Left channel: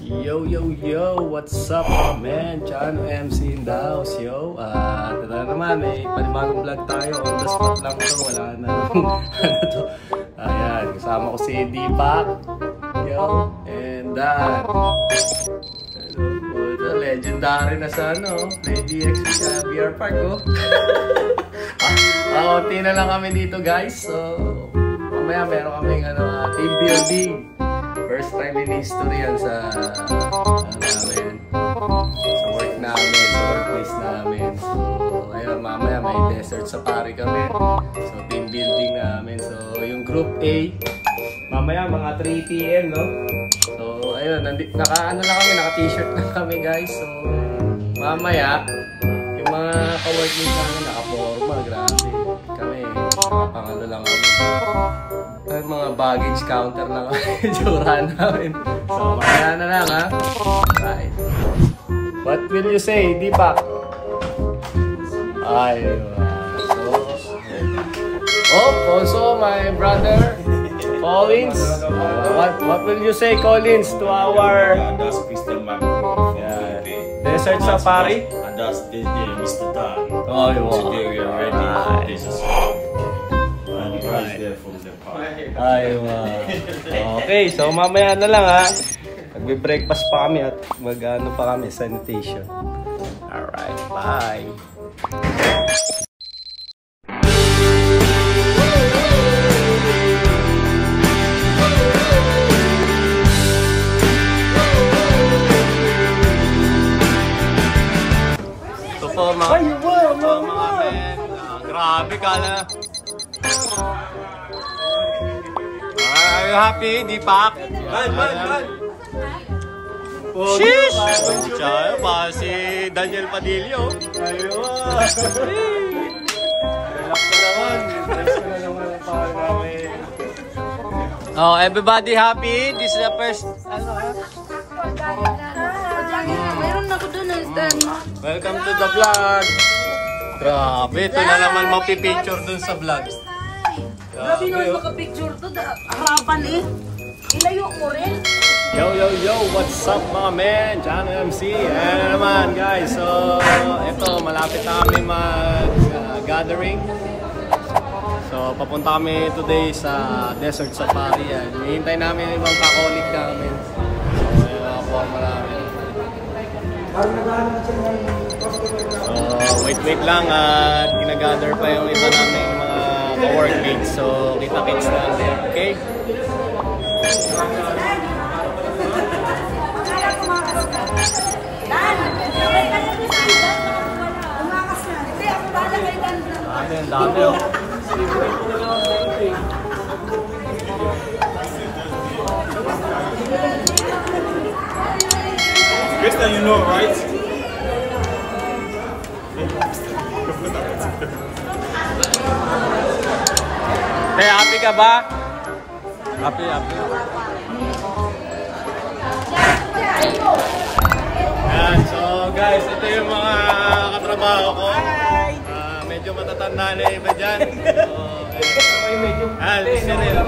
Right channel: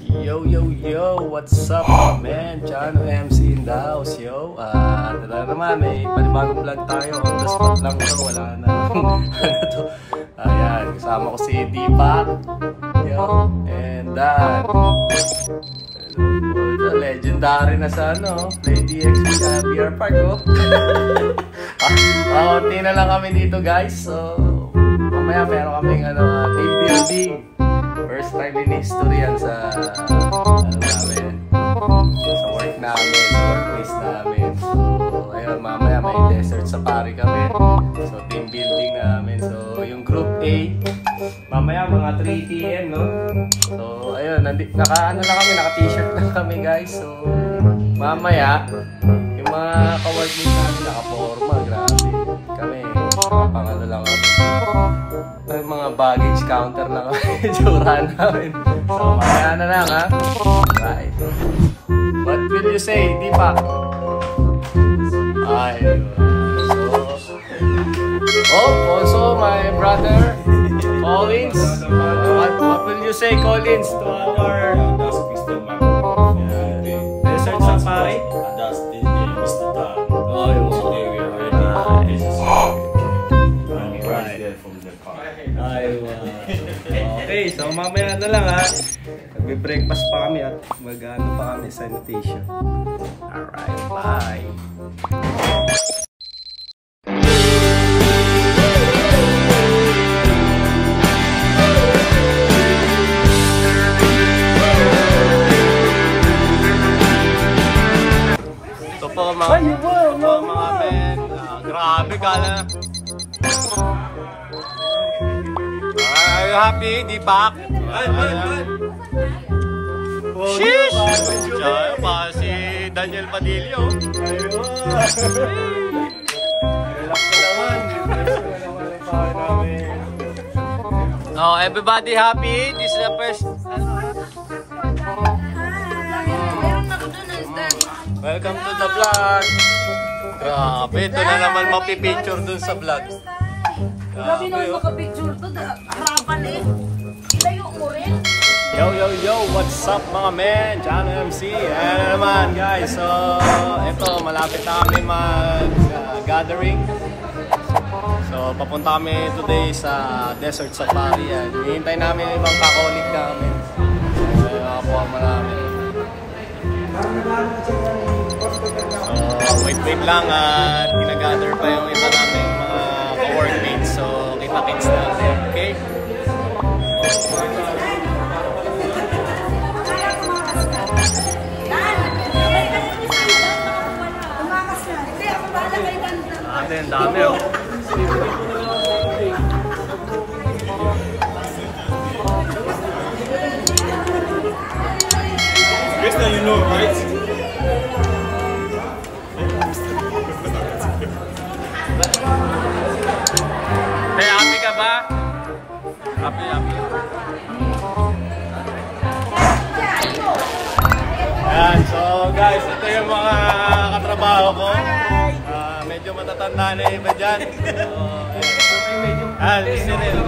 Yo, yo, yo! What's up, mga men? Chano MC in the house, yo! Tala naman, may panibagong vlog tayo. On the spot lang ito, wala na. Ano to? Ayan, kasama ko si Deepak. Yo! And legendary na sa ano, Play DXB sa VR Park, oh. Konti na lang kami dito, guys. So, mamaya meron kaming team building. First time in history yan sa work namin, sa workplace namin. So, ayun, mamaya may desert safari kami. So, team building namin. So, yung group A, mamaya mga 3 PM, no? So, ayun, naka-ano lang kami, naka-t-shirt lang kami, guys. So, mamaya, yung mga ka-workmates namin, naka-forma, grabe. Kami, pangalo lang kami. Ay, mga baggage counter lang kami, jura namin. So, mamaya na lang, ha? Right. What will you say, Deepak? Ay, so, also my brother, Collins. What will you say, Collins, to our desert safari? And that's Mr. Dan. Oh, today we are ready. Okay, so mamaya na lang, ha. Magbe-breakfast pa kami at mag-ano pa kami, sanitation. Alright, bye. Ito po mga men. Grabe ka na. Are you happy, Deepak? Sheesh! Siya pa si Daniel Padillo. Oh, everybody happy? This is the first. Welcome to the vlog. Grabe, ito na naman mapipicture dun sa vlog. Grabe naman makapicture to. Harapan eh. Ilayo ko rin. Yo, yo, yo! What's up, mga men? Chano MC. Ayan naman, guys. So, ito, malapit na kami mag-gathering. So, papunta kami today sa Desert Safari. Hihintay namin yung ibang kakolik namin. So, yung mga forma namin. Wait lang at ginagather pa yung iba namin mga ka-workmates. So, kita-kits natin. Okay? Dami, oh. Best that you know, right? Hey, happy ka ba? Happy. Ayan, so guys, ito yung mga katrabaho ko. Medyo matatanda na yung iba dyan. So, ayan, si Cyril.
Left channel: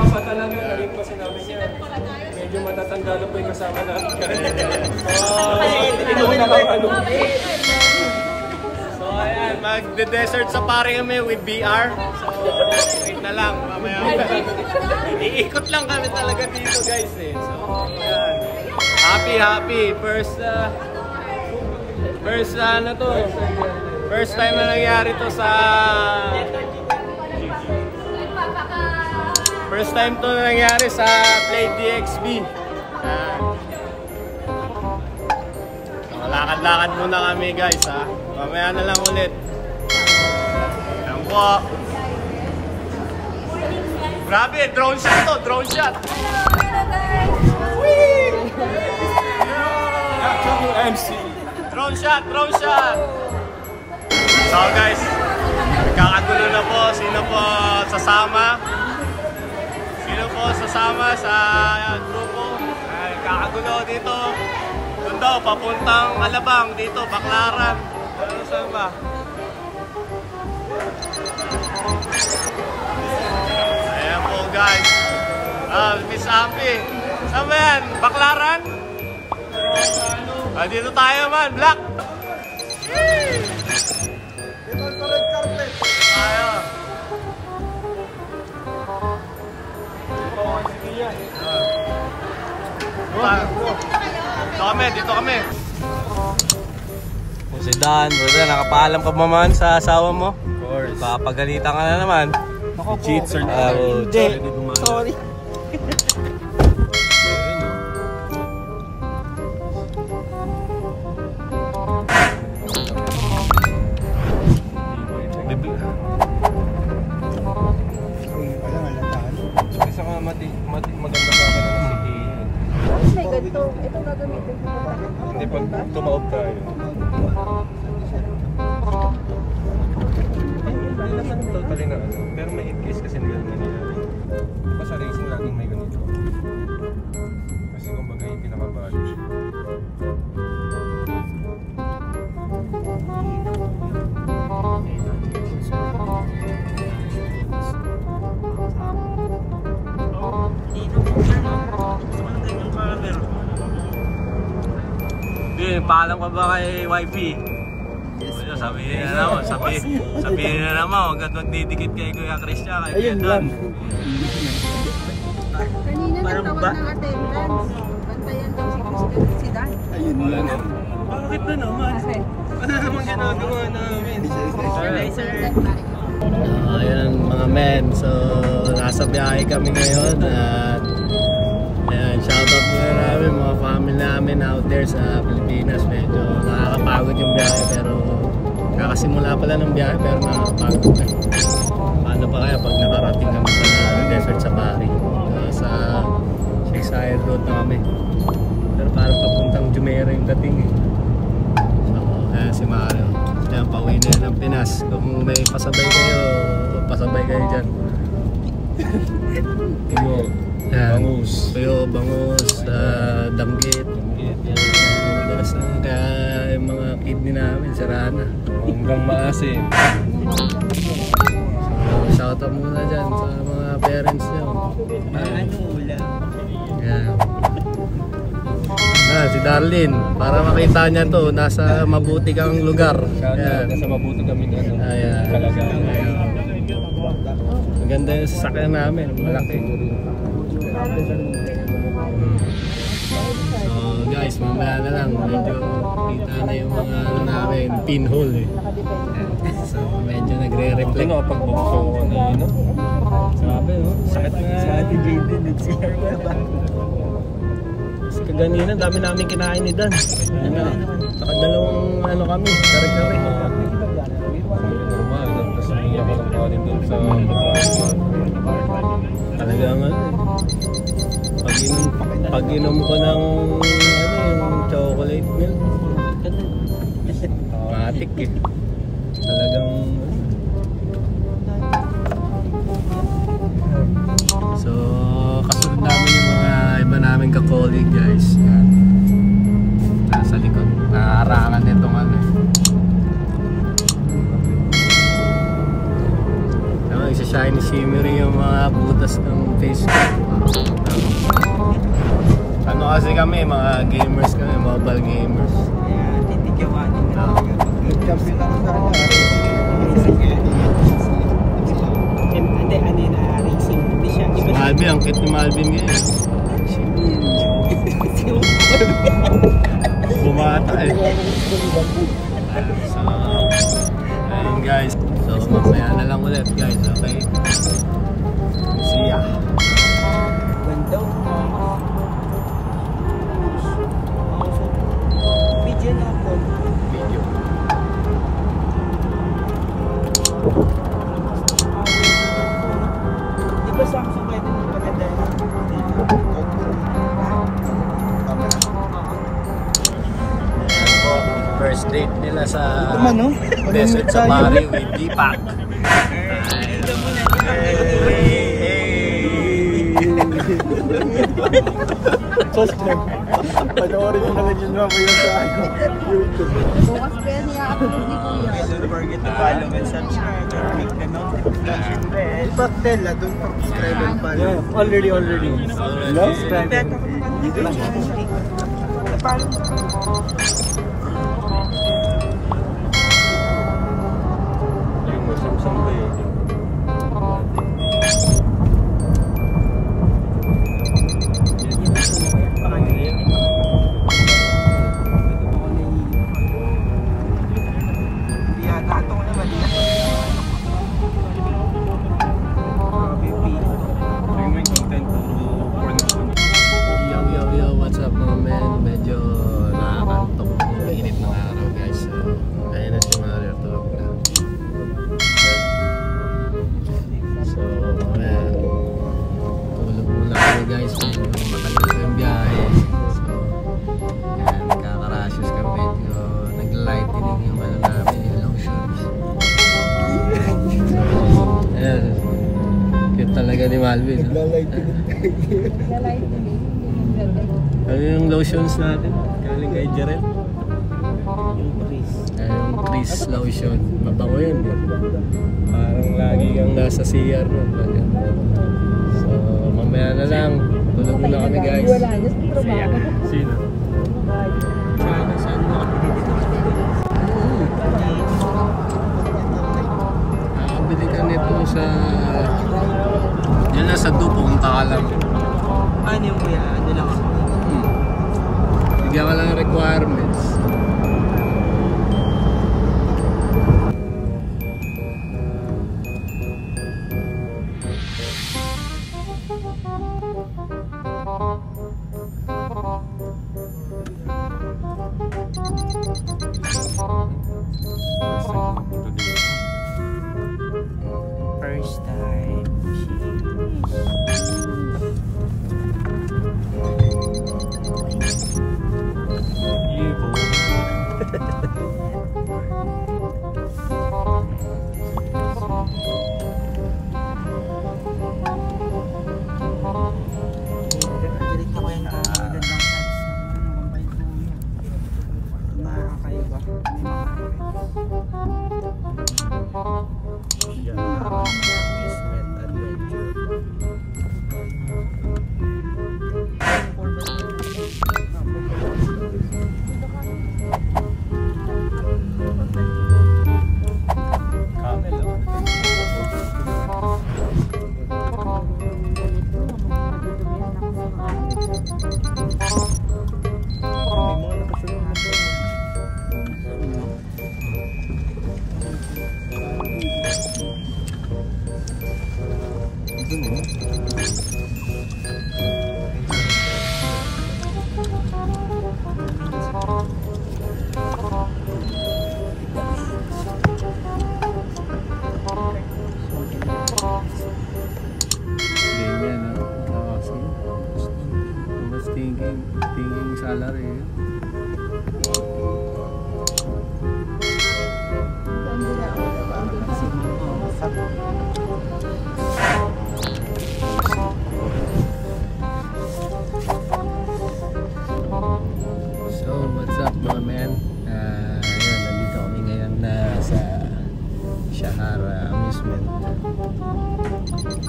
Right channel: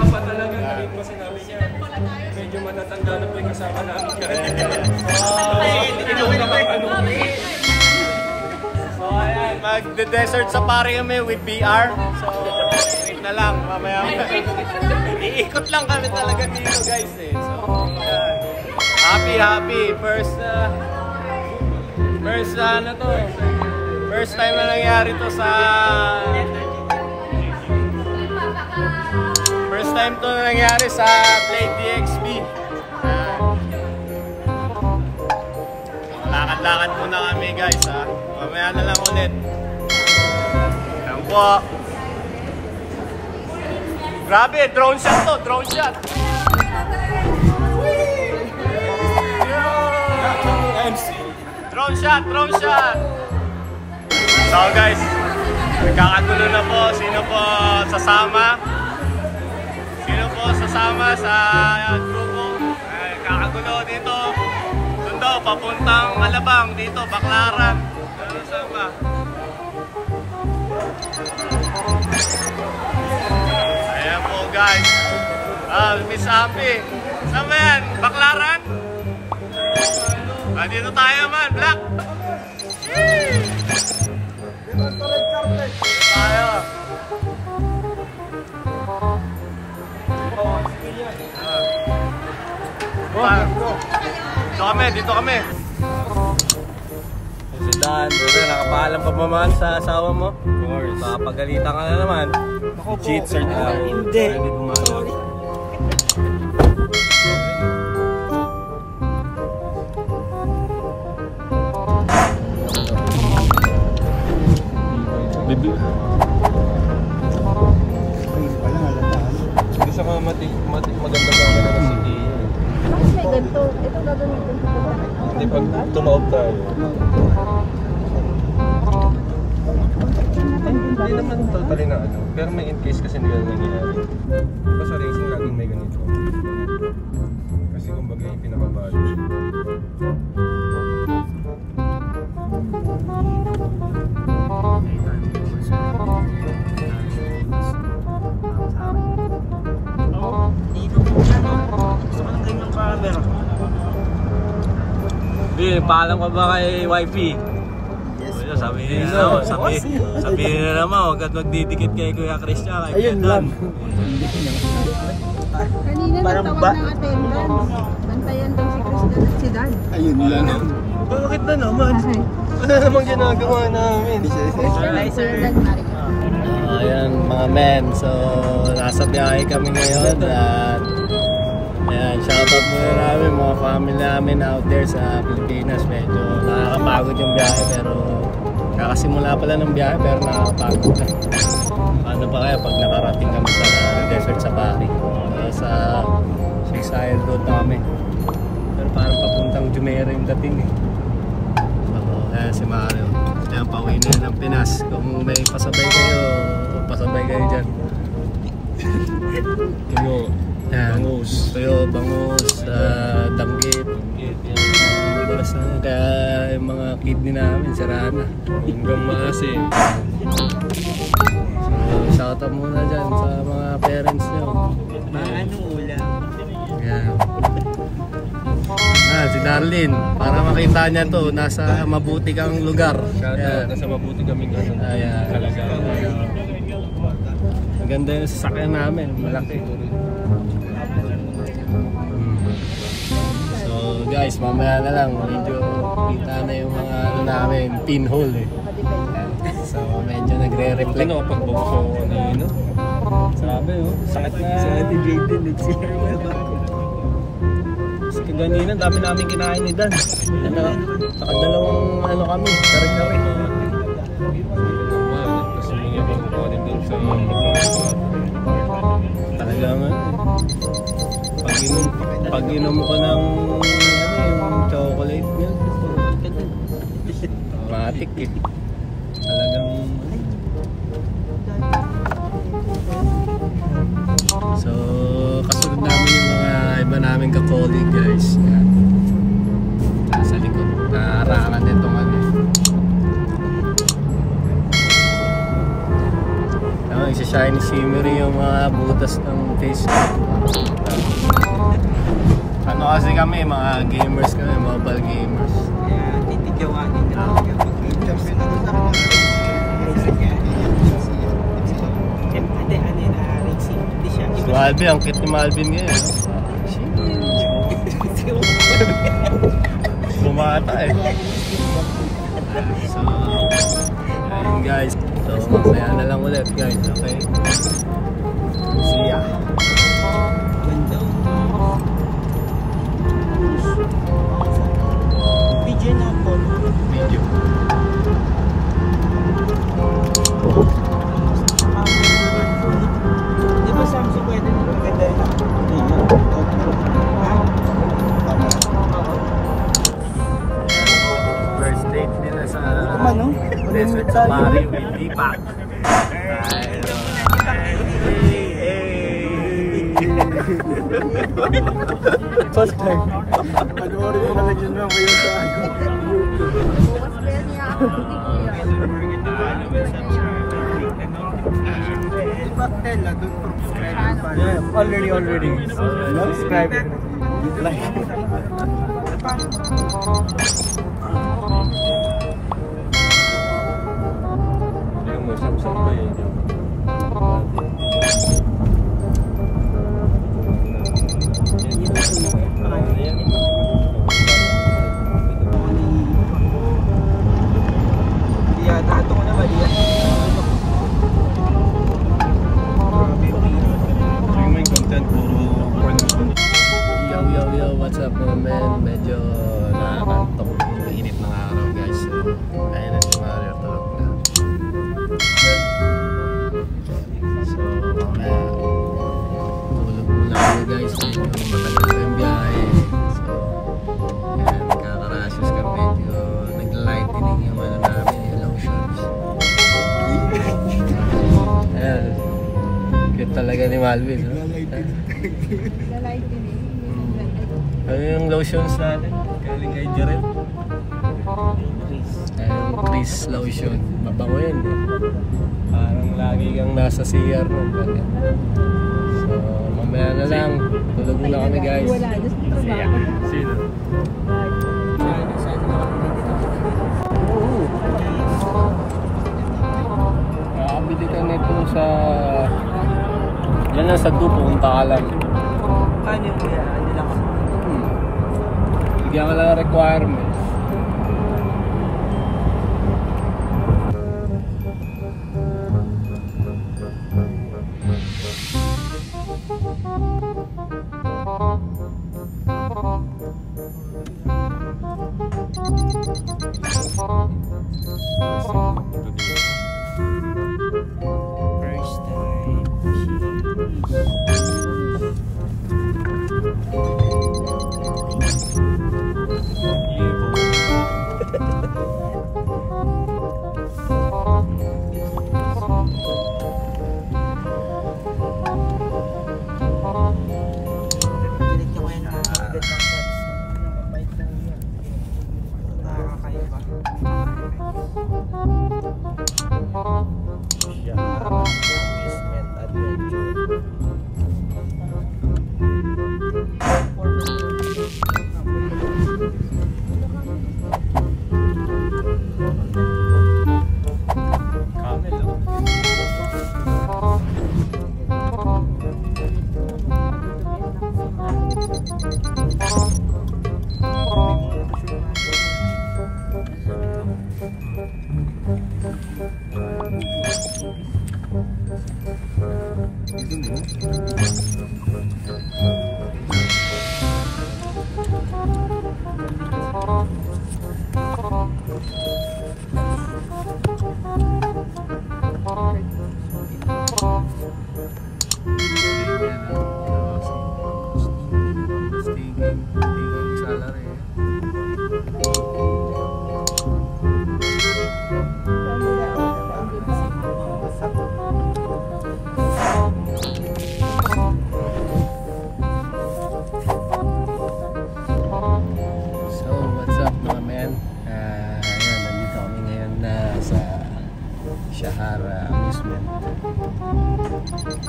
Medyo matatanda na po yung kasama natin. So, ayan, mag-desert safari kami with VR. So, wait na lang, mamaya. Iikot lang kami talaga dito, guys, eh. So, ayan. Happy. First ano to? First time na nangyari to sa... First time to nangyari sa Play DXB. Lakad-lakad muna kami, guys, ha. Mamaya na lang ulit. Ayan po. Grabe, drone shot to, drone shot. Drone shot. So guys, nagkakagulo na po. Sino po sasama sa grupo? Nagkakagulo dito. Doon daw, papuntang Alabang. Dito, Baclaran. Saan ba? Ayan po, guys. Miss Api. Saan ba yan? Baclaran? Dito tayo man, Black! Tayo! Dito kami! Si Dan, nakapaalam ka pa man sa asawa mo? Of course. Papagalitan ka na naman. Ako po. Cheats or Hindi. Sorry. Bibi. Gusto ko maganda sa akin na si May ganito. Ito gagamitin ko. Hindi pag tumawag tayo. Hindi naman totally na ano. Pero may in case kasi hindi ganun nangyayari. Basta racing laging may ganito. Kasi kumbaga yung pinakabali. Hindi, paalam ka ba kay wifey? Sabihin na naman, huwag at magdidikit kay Kuya Christian. Ayun lang. Kanina nagtawag ng attendance. Bantayan daw si Christian at si Dan. Ayun lang. Bakit na naman? Ano namang ginagawa namin? Ayan mga men, so nasa biyahe kami ngayon at ayan, shoutout muna namin mga family namin out there sa Pilipinas. Medyo nakakapagod yung biyahe pero kakasimula pala ng biyahe pero nakakapagod na. Paano pa kaya pag nakarating kami sa desert safari? Sa Sisayel Road na kami. Pero parang papuntang Jumeirah yung dating eh. So ayan si Mario. Ayan, pauwi na yan ng Pinas. Kung may pasabay kayo, pasabay kayo dyan. Tuyo, bangus. Tuyo, bangus, danggit. Tapos kaya yung mga kidney namin, siraan na. Hanggang maasi. So, shoutout muna dyan sa mga parents nyo. Anong ulam? Ayan. Si Darlene, para makita niya to, nasa mabuti kaming lugar. Nasa mabuti kaming kalagayan. Maganda yung sasakyan namin, malaki. So guys, mamaya na lang, medyo kita na yung mga ano namin, pinhole eh. So medyo nagre-reflect. Ano pag bukso ko na yun, no? Sabi, oh, sakit na. Sa ating baby, nag-share mo ba? Kaganina, dami namin kinain ni Dan. Nakadalawang ano kami, kare-kare. Tapos hindi ako ng kuhanin dun sa talagang ano. Pag inom ko ng yung chocolate milk. Matik eh. Talagang so kasunod namin yung mga iba namin ka-colleague guys. Nasa likod. Naarangan dito man eh. Isa-shiny shimmery yung mga butas ng face ko. Ano kasi kami, mga gamers kami, mobile gamers. Titigawanin na lang kapag Malby, ang cute ni Malby niya eh. Bumata eh. So, ayun guys. So, mamaya na lang ulit guys. Okay? See ya. Video na ako. Video. Di ba Samsung pwede maganda video? First date nila sa Desert Safari with Deepak. Pag-orin mo lang yun mo yun sa Bukas kaya niya ako. Back then, doon subscriber pa. Yeah, already. Subscriber. Dito lang. Yung masang Yo, what's up mga men? Medyo nakakantok. Mainit ng araw guys. So, ayun na si Mario. Tulog na. So, tulog muna kami guys. Medyo matagal yung biyahe. So, yan, nagkakarashes kami. Medyo nag-lightening yung ano namin, yung lotions. Ayan. Cute talaga ni Malvin. Ano yung lotions natin? Galing kay Jerel. Chris lotion. Mabango yun. Parang lagi kang nasa CR mo. So, mamaya na lang. Tulog muna kami guys. Sino? Oo. Nakabili ka nito sa... Diyan lang sa Du, punta ka lang. Ano yung kuya? Ano lang ako? Bigyan ka lang requirements. First time.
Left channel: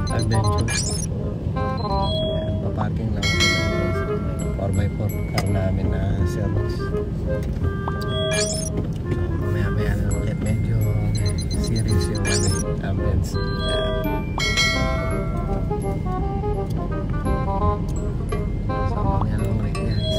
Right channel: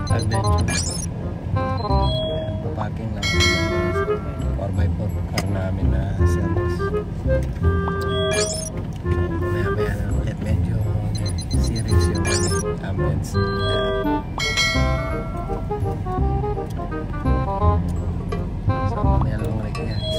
Adventure. Paparking lang 4x4 car namin na service. Maya na ulit medyo serious yung comments. So mamaya lang ulit guys.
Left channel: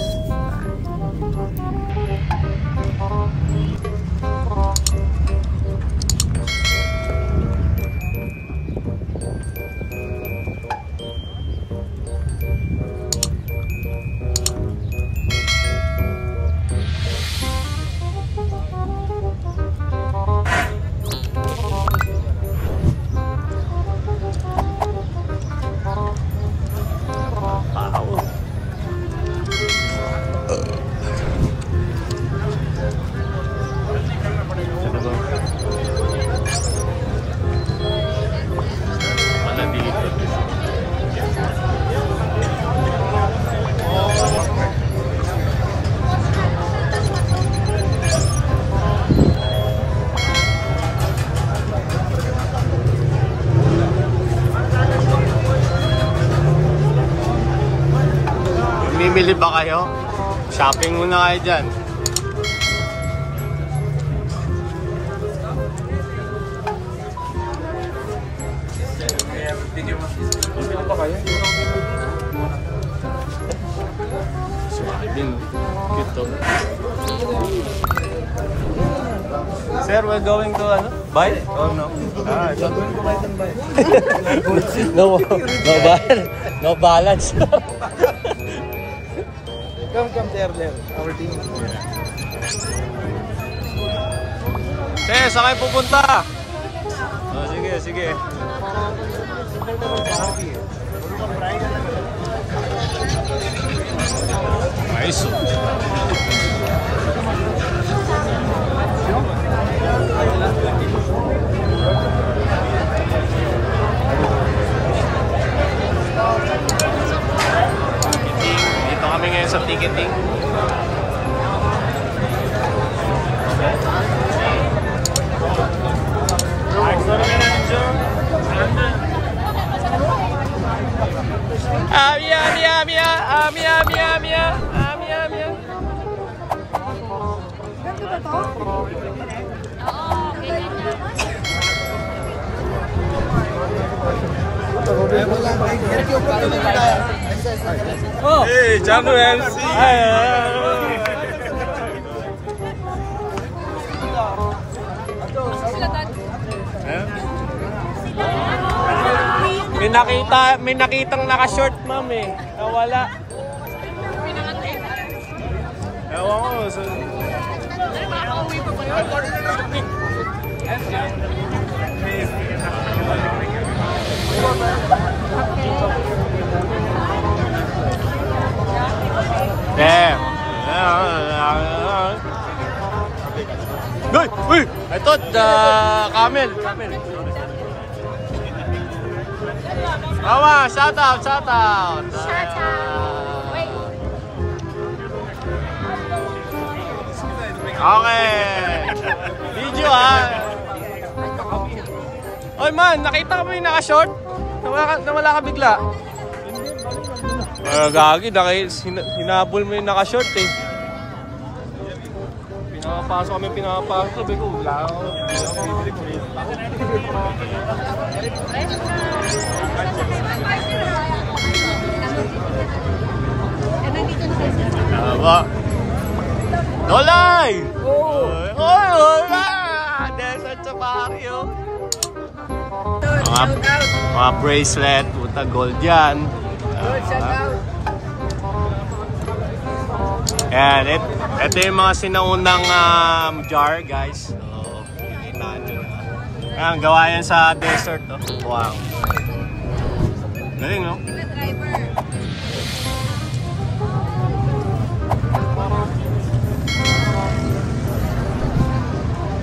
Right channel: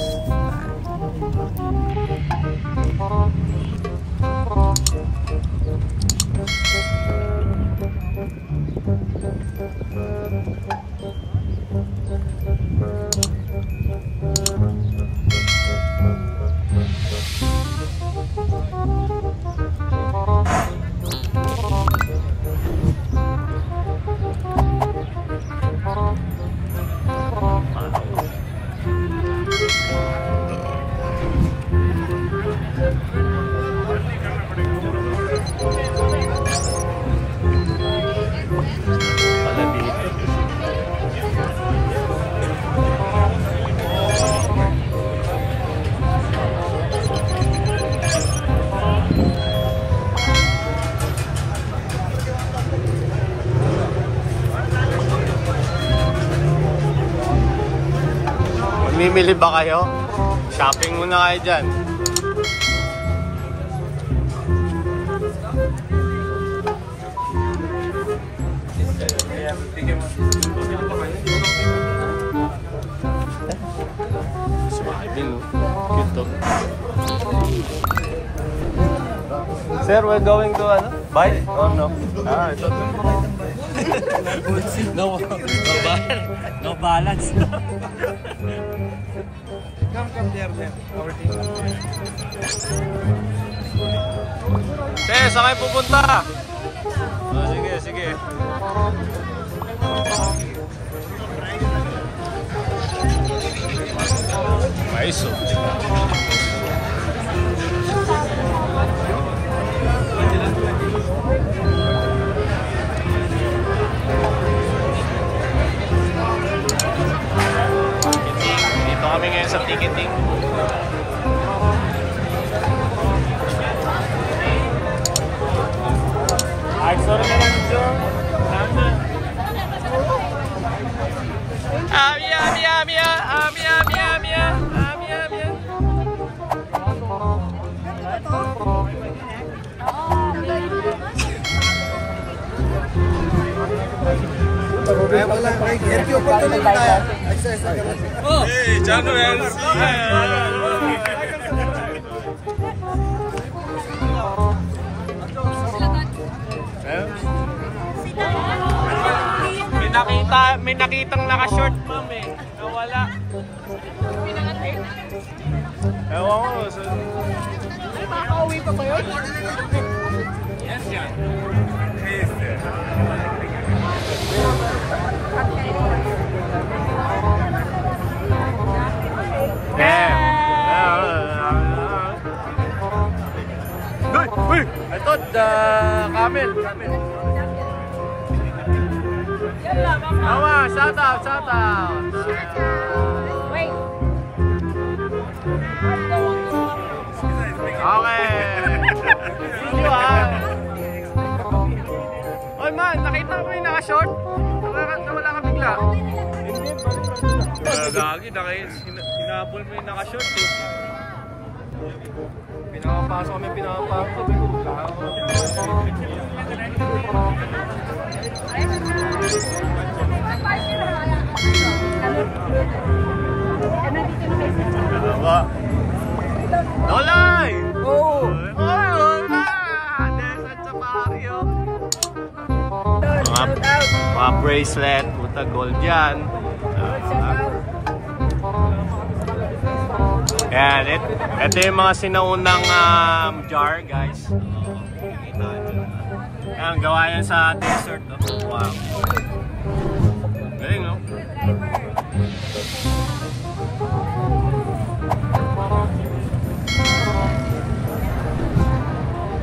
Bibili ba kayo? Shopping muna kayo dyan. Sumaibin, cute to. Sir, we're going to ano? Buy or no? Ah, ito. No balance. Saan kayo pupunta? Oh, sige, sige. Nice. Dito kami ngayon sa ticketing. Oh, hey, champions. May nakitang naka-short, ma'am eh. Nawala. Ewan ko. Yes, yan. Uy! I thought camel. Mama, shout out. Okay. Video Oy man, nakita mo yung naka-short? Nawala ka bigla. Hindi, gagi, hinabol mo yung naka-short eh. Pinakapasok kami, pinakapasok. Tama. Dolay! Oh! Oy, wala! Desert Safari, oh. Mga bracelet, puta gold yan. Yan, ito yung mga sinaunang jar, guys. So, nakikita nyo na. Yan, gawa yan sa desert, no? Wow. Galing, no?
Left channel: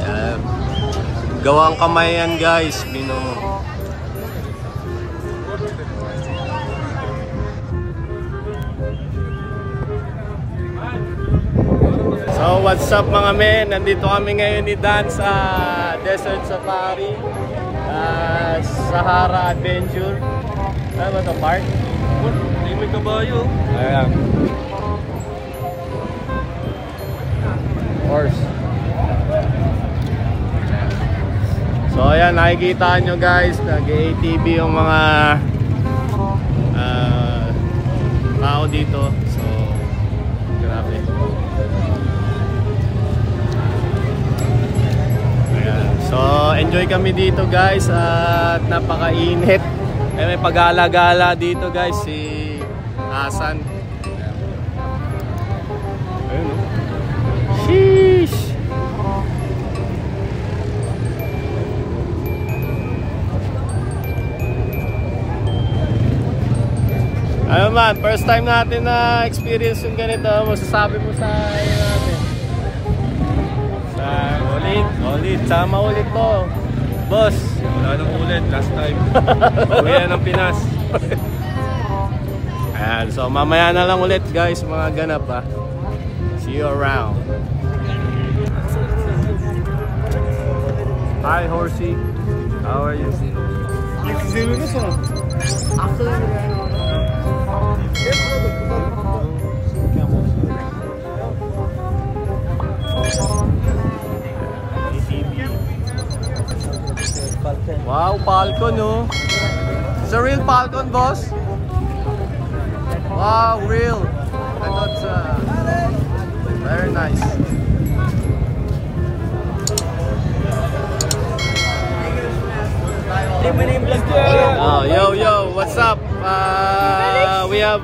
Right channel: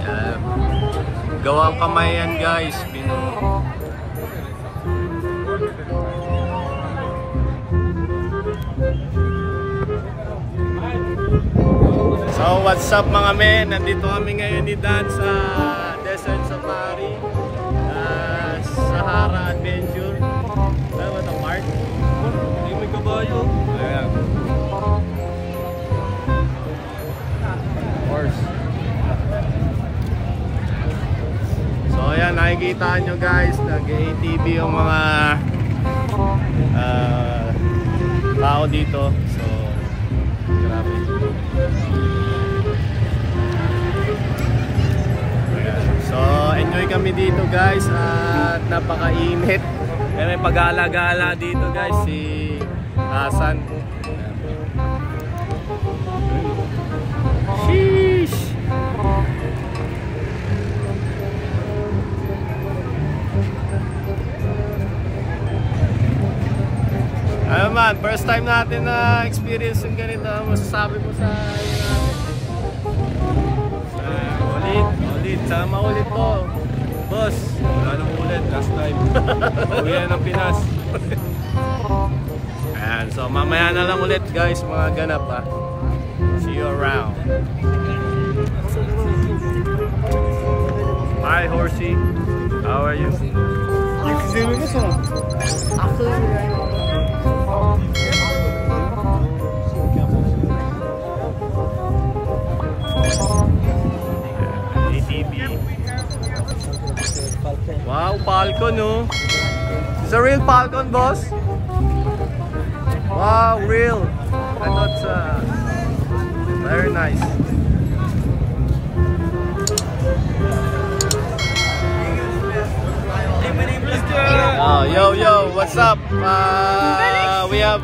Yan. Gawang kamay yan, guys. Binuo. So what's up mga men, nandito kami ngayon ni Dan sa Desert Safari, Sahara Adventure. Ano ba itong park? Hindi may kabayo. Ayan. Horse. So ayan, nakikita nyo guys, nag-ATV yung mga tao dito. So grabe. So enjoy kami dito guys at napakainit. May pagala-gala dito guys si Hasan. Sheesh. Ano man, first time natin na experience yung ganito. Masasabi mo sa iyo natin? Ulit. Sama ulit to. Boss. Wala nang ulit. Last time. Pauwi na ng Pinas. Ayan. So mamaya na lang ulit guys. Mga ganap ha. See you around. Hi Horsey. How are you? Nag-zero na siya. Falcon, oh. It's a real Falcon, boss. Wow, real. I thought very nice. Oh, yo, what's up? We have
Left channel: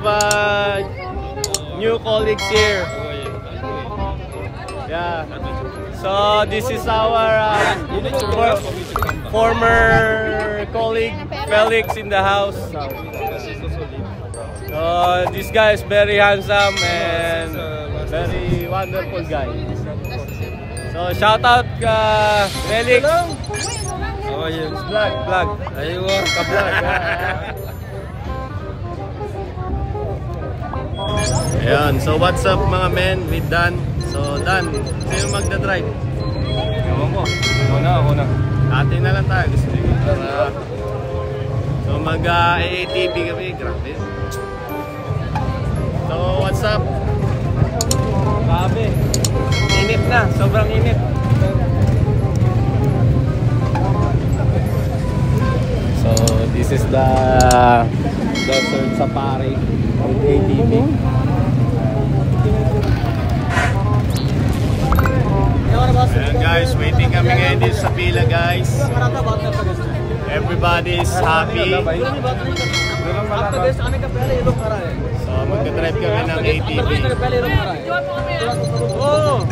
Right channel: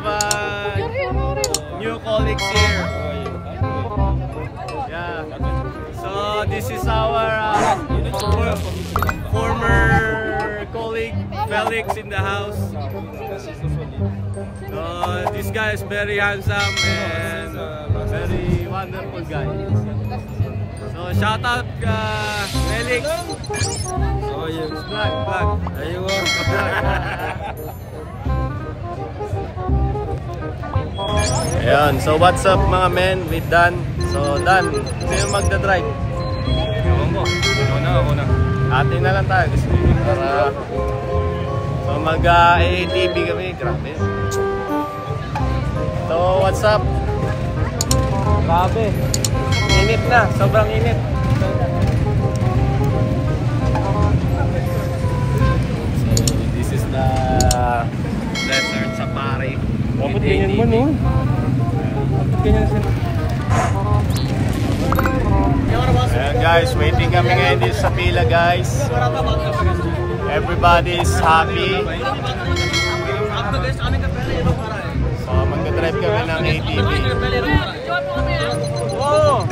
new colleagues here. Yeah. So this is our former colleague Felix in the house. So this guy is very handsome and very wonderful guy. So shout out Felix. How are you? Vlog. Ayun. Ayan, so what's up mga men with Dan? So Dan, sino magdadrive? Ewan ko. Ako na. Atin na lang tayo. Gusto ko para so mag-ATV kami. Grabe. So what's up? Grabe. Init na. Sobrang init. So this is the desert safari. Ayan guys, waiting kami ngayon dito sa pila guys. Everybody is happy. So magdadrive kami ng ATV. Oh!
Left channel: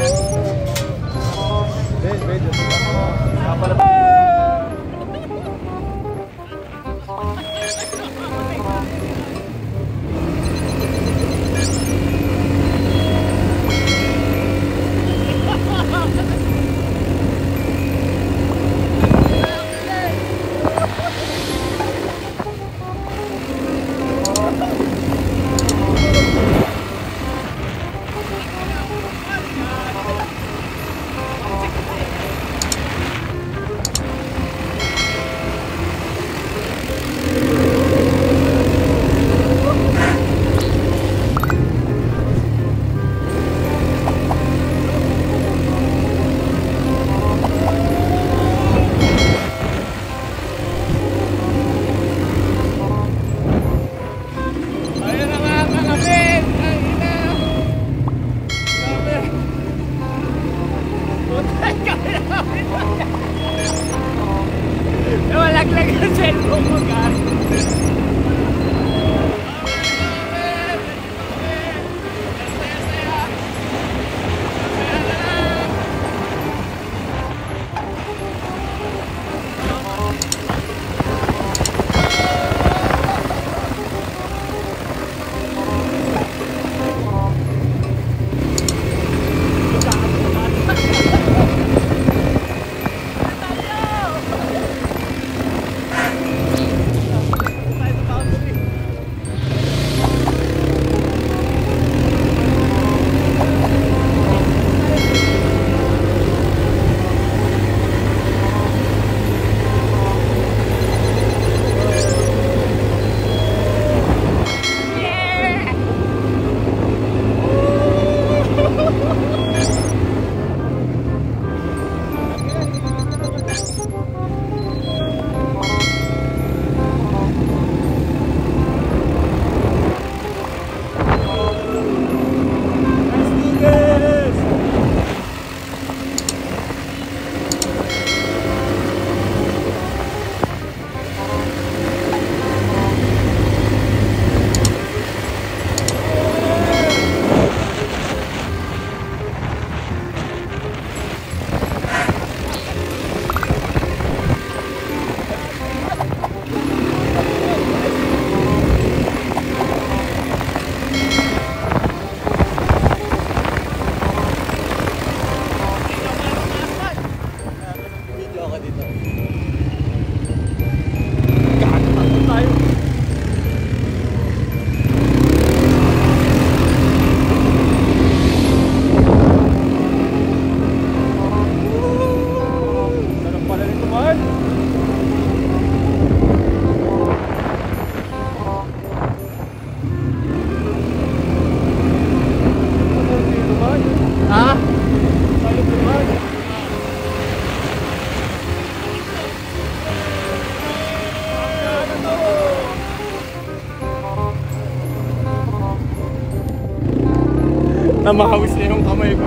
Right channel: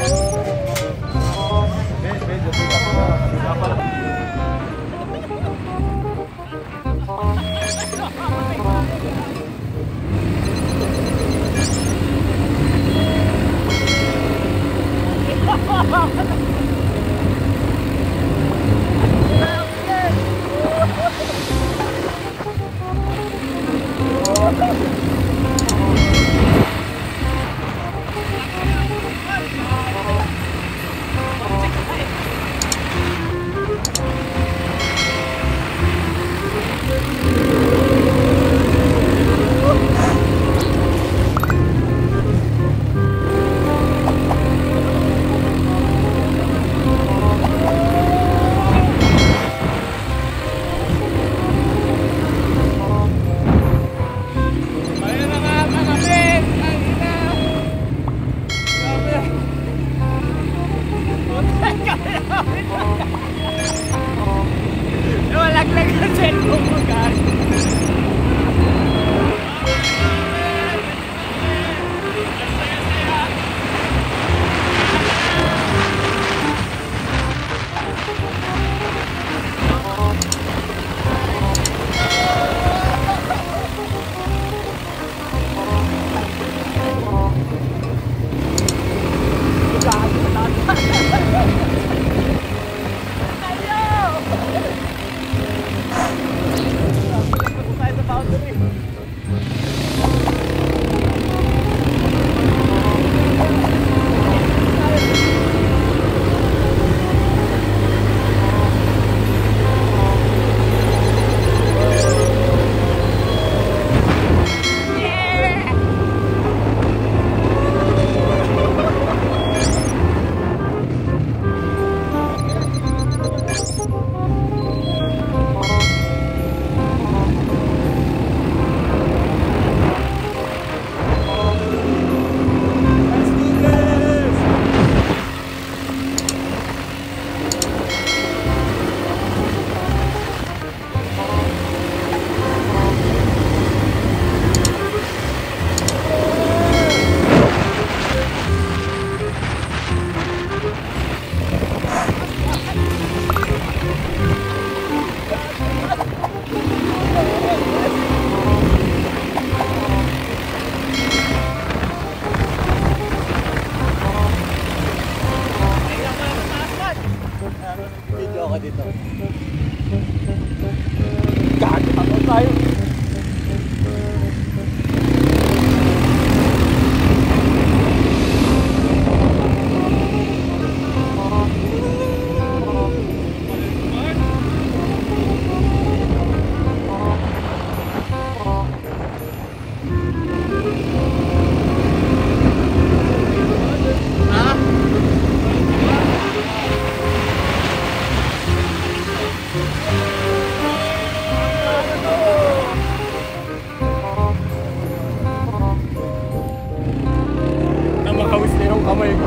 Para makawis na yung kamay ko.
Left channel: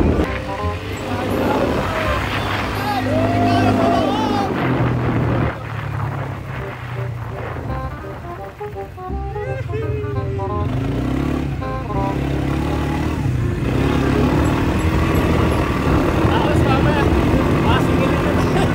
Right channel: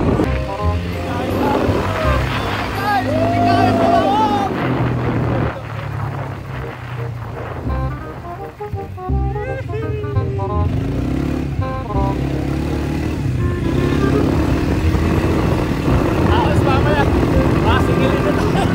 Tapos mamaya, masingilin na tayo.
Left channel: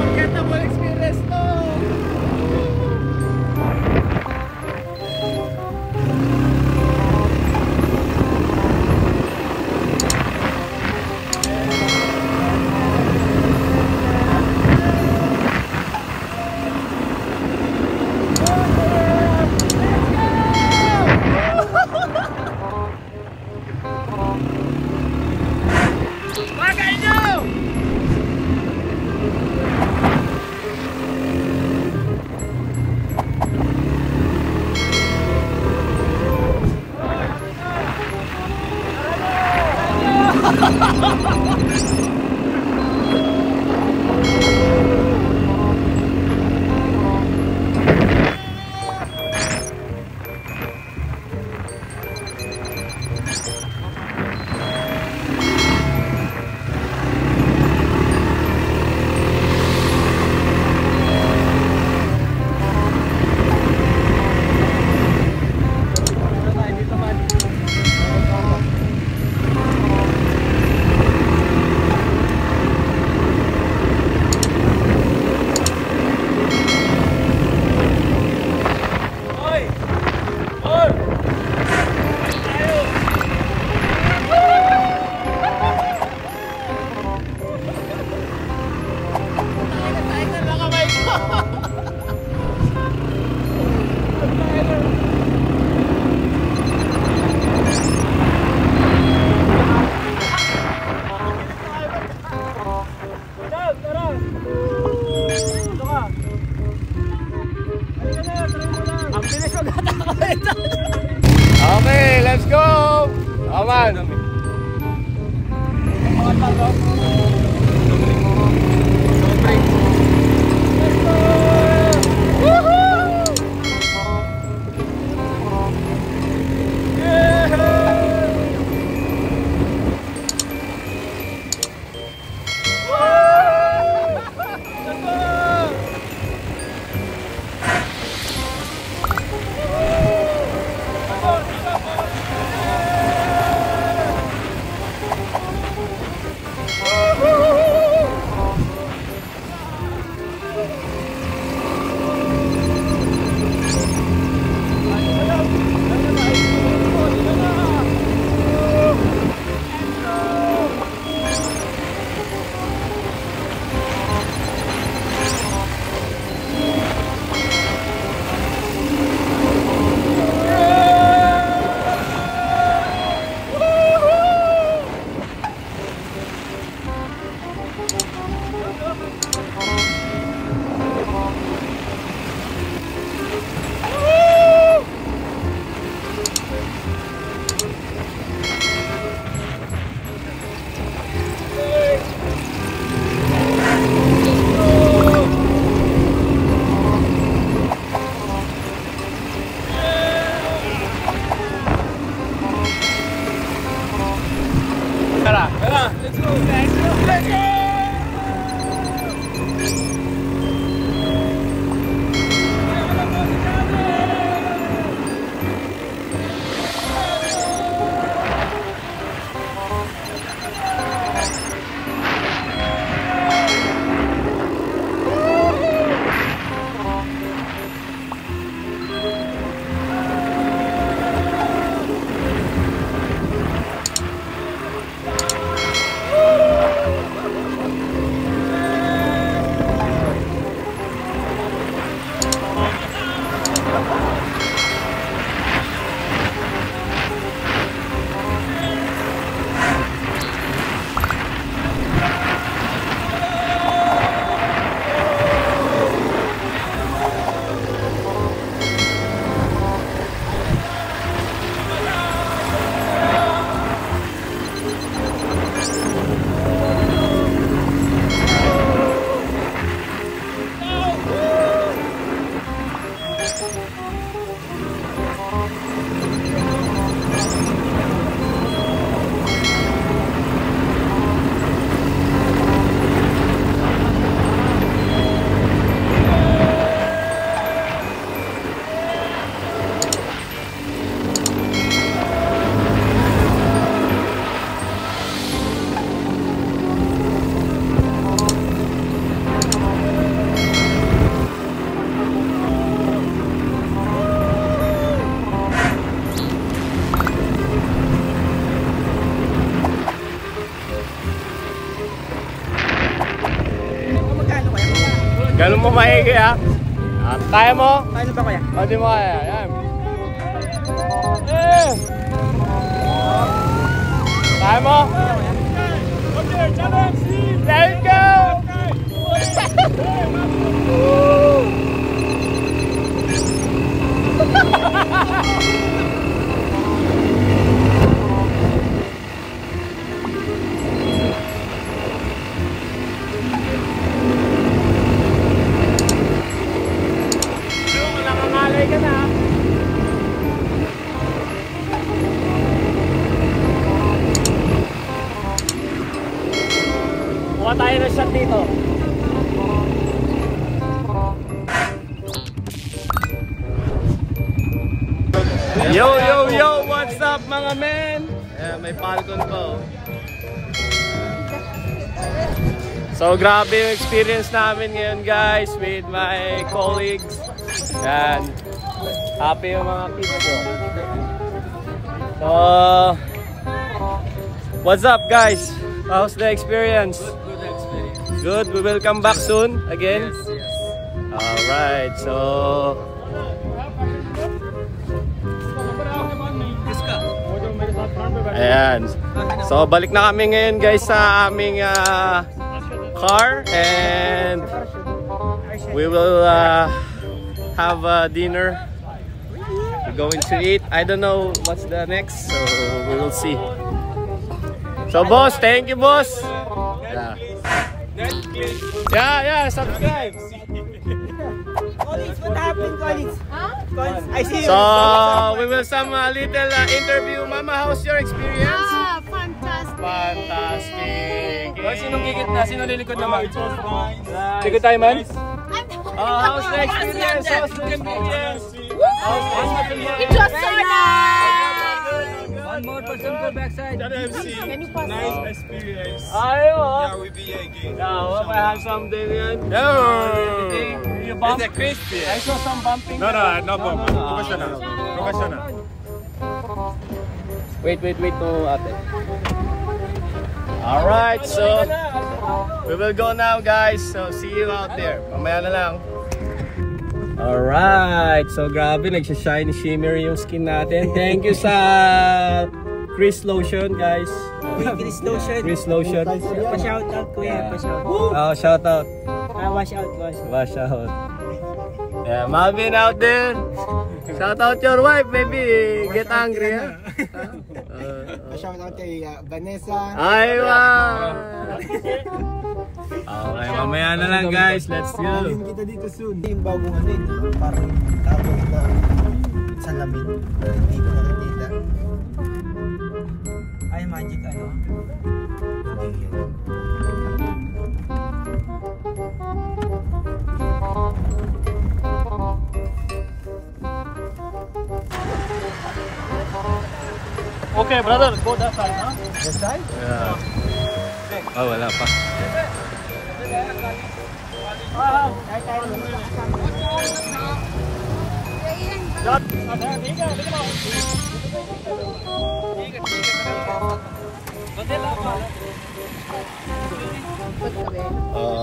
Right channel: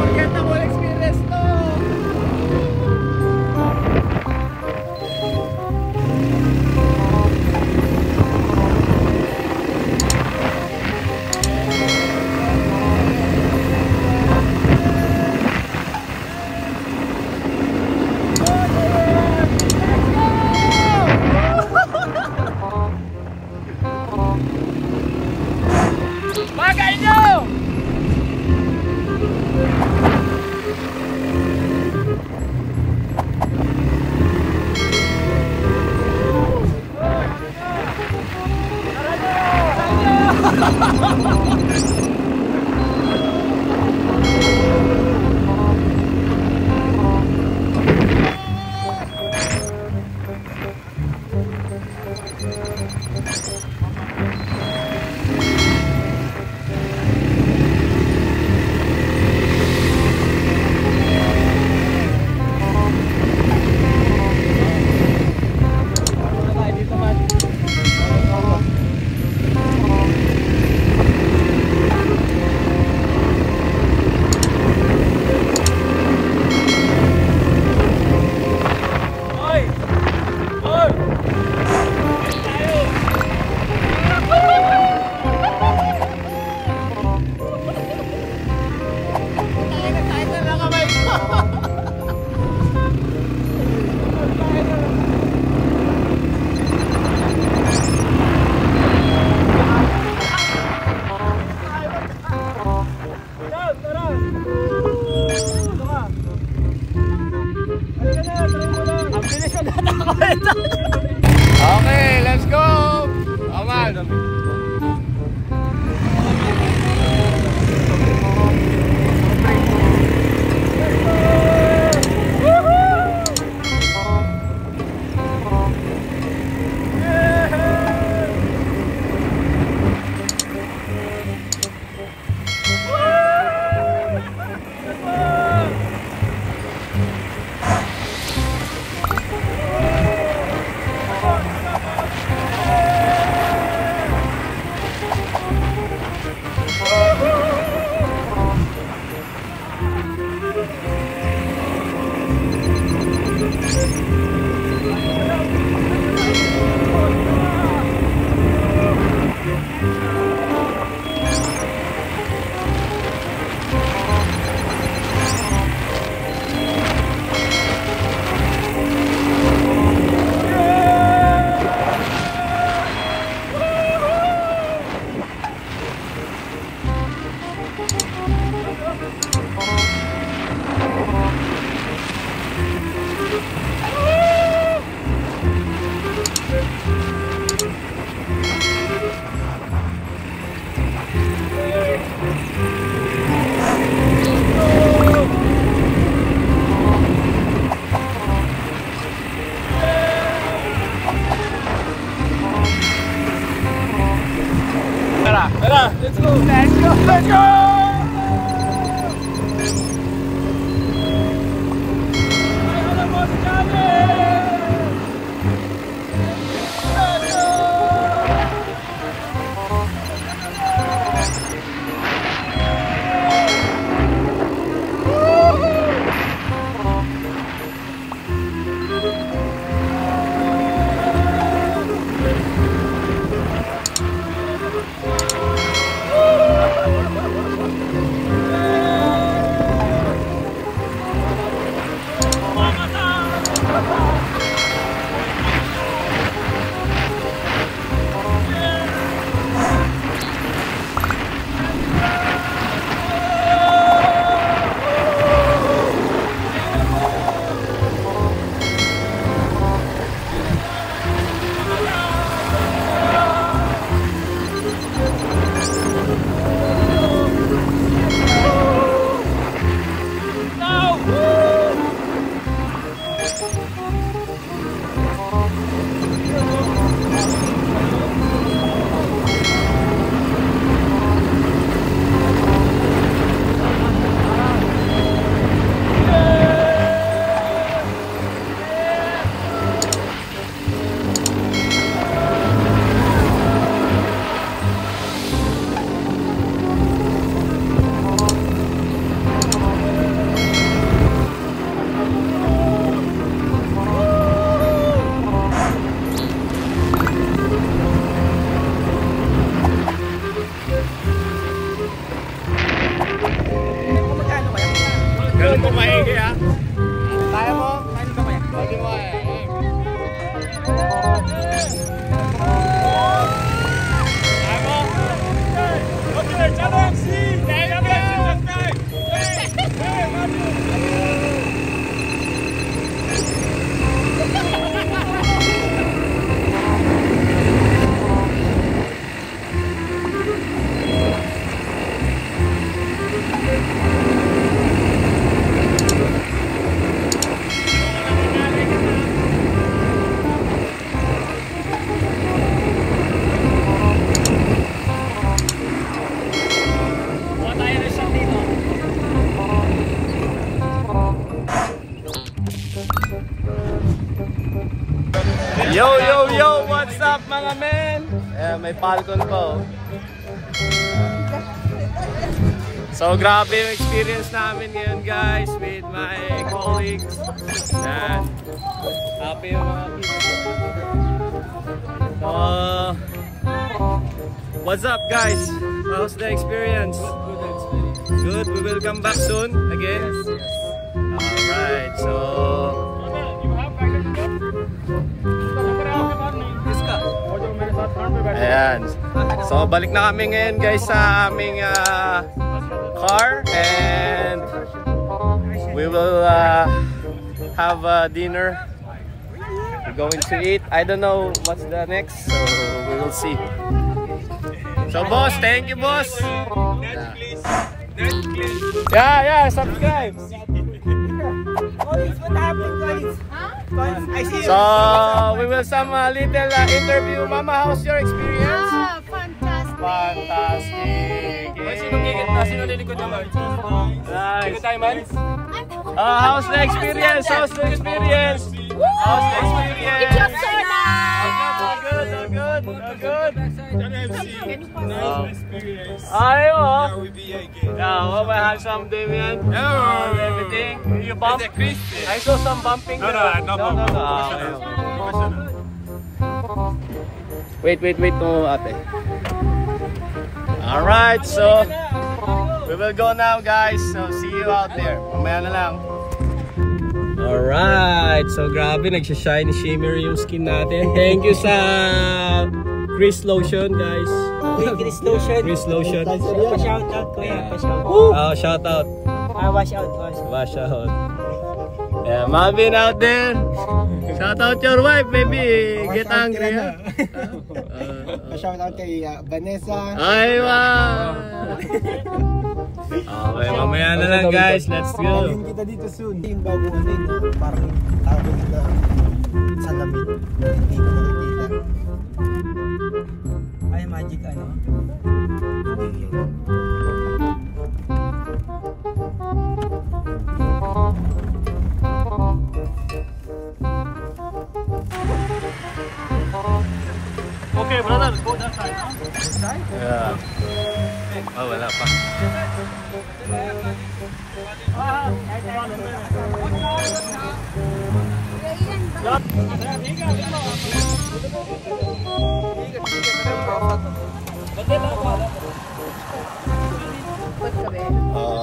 Forgettable experience to. Bagay nyo! Okay, let's go! Aman! Let's go! Let's go! Ganun mo maigi ha. Kaya mo? Kaya ba kuya? Hindi mo kaya. Yan. Kaya mo? Let's go! Tayo na shot dito. Yo, what's up mga men? May Falcon po. So grabe yung experience namin ngayon guys with my colleagues. Yan. Happy yung mga people. So, what's up guys? How's the experience? Good, we will come back soon again. Yes. Alright, so ayan. So balik na kami ngayon guys sa aming car and we will have dinner. We're going to eat. I don't know what's the next, so we will see. So boss, thank you boss. Yeah, subscribe. What happened, guys? I see you. So, we will some little interview. Mama, how's your experience? Fantastic. Sinong gigit na? Sino lilikod naman? Ligod tayo man? How's the experience? How's the experience? It's just so Nice experience. Yeah, we be again. hope I have something, man. You bump? It's a crispy. I saw some bumping. No problem. Focus na. Wait to ate. Alright, so we will go now guys. So see you out there. Mamaya na lang. Alright, so grabe nagsha-shiny shimmer yung skin natin. Thank you sa Chris Lotion guys. Chris Lotion. Pa-shout out, kuya. Pa-shout out. Shout out. Wash out, wash. Wash out. Yeah, Marvin out there. Shout out your wife, maybe get angry ha. Pa-shout out kay Vanessa. Aywa. Okay, mamaya na lang guys. Let's go. Tawagin kita dito soon. Yung bagong ano yun, parang tawag kita sa lamig. Hindi ko nakikita. Ay, magic ano? Okay, brother. Go that side, huh? This side? Yeah. Oh, wala pa.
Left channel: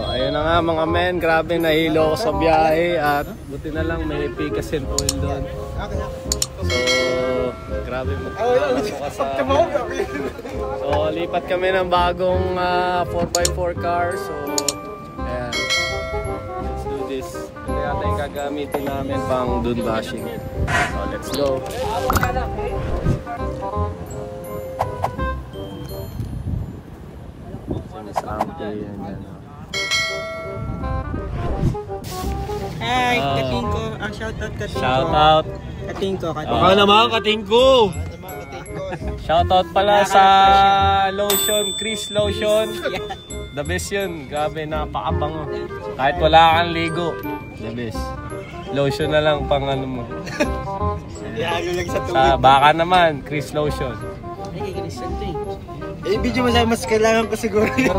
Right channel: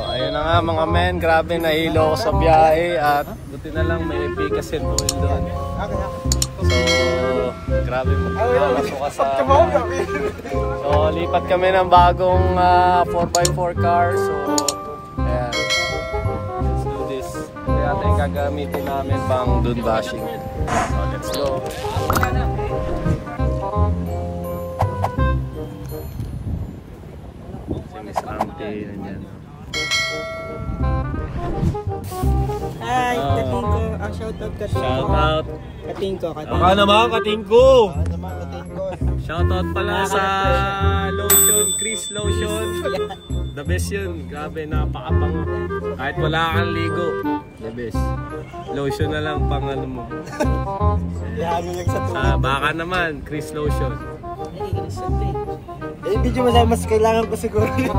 Ayun na nga mga men, grabe nahilo ako sa biyahe at buti na lang may pikas and oil doon. So, grabe magpapasok ka sa... So, lipat kami ng bagong 4x4 car. So, ayan. So, this natin gagamitin namin pang dune bashing. So, let's go. Si Miss Auntie, nandiyan. Hi, Katingko. Shout out Katingko. Shout out. Katingko. Baka naman, katingko. Shoutout pala sa lotion, Chris Lotion. The best yun. Grabe, napakabango. Kahit wala kang ligo. The best. Lotion na lang pang ano mo. Ihalo lang sa Sa baka naman, Chris Lotion. Ay, Christian to eh. Video mas kailangan ko siguro yun.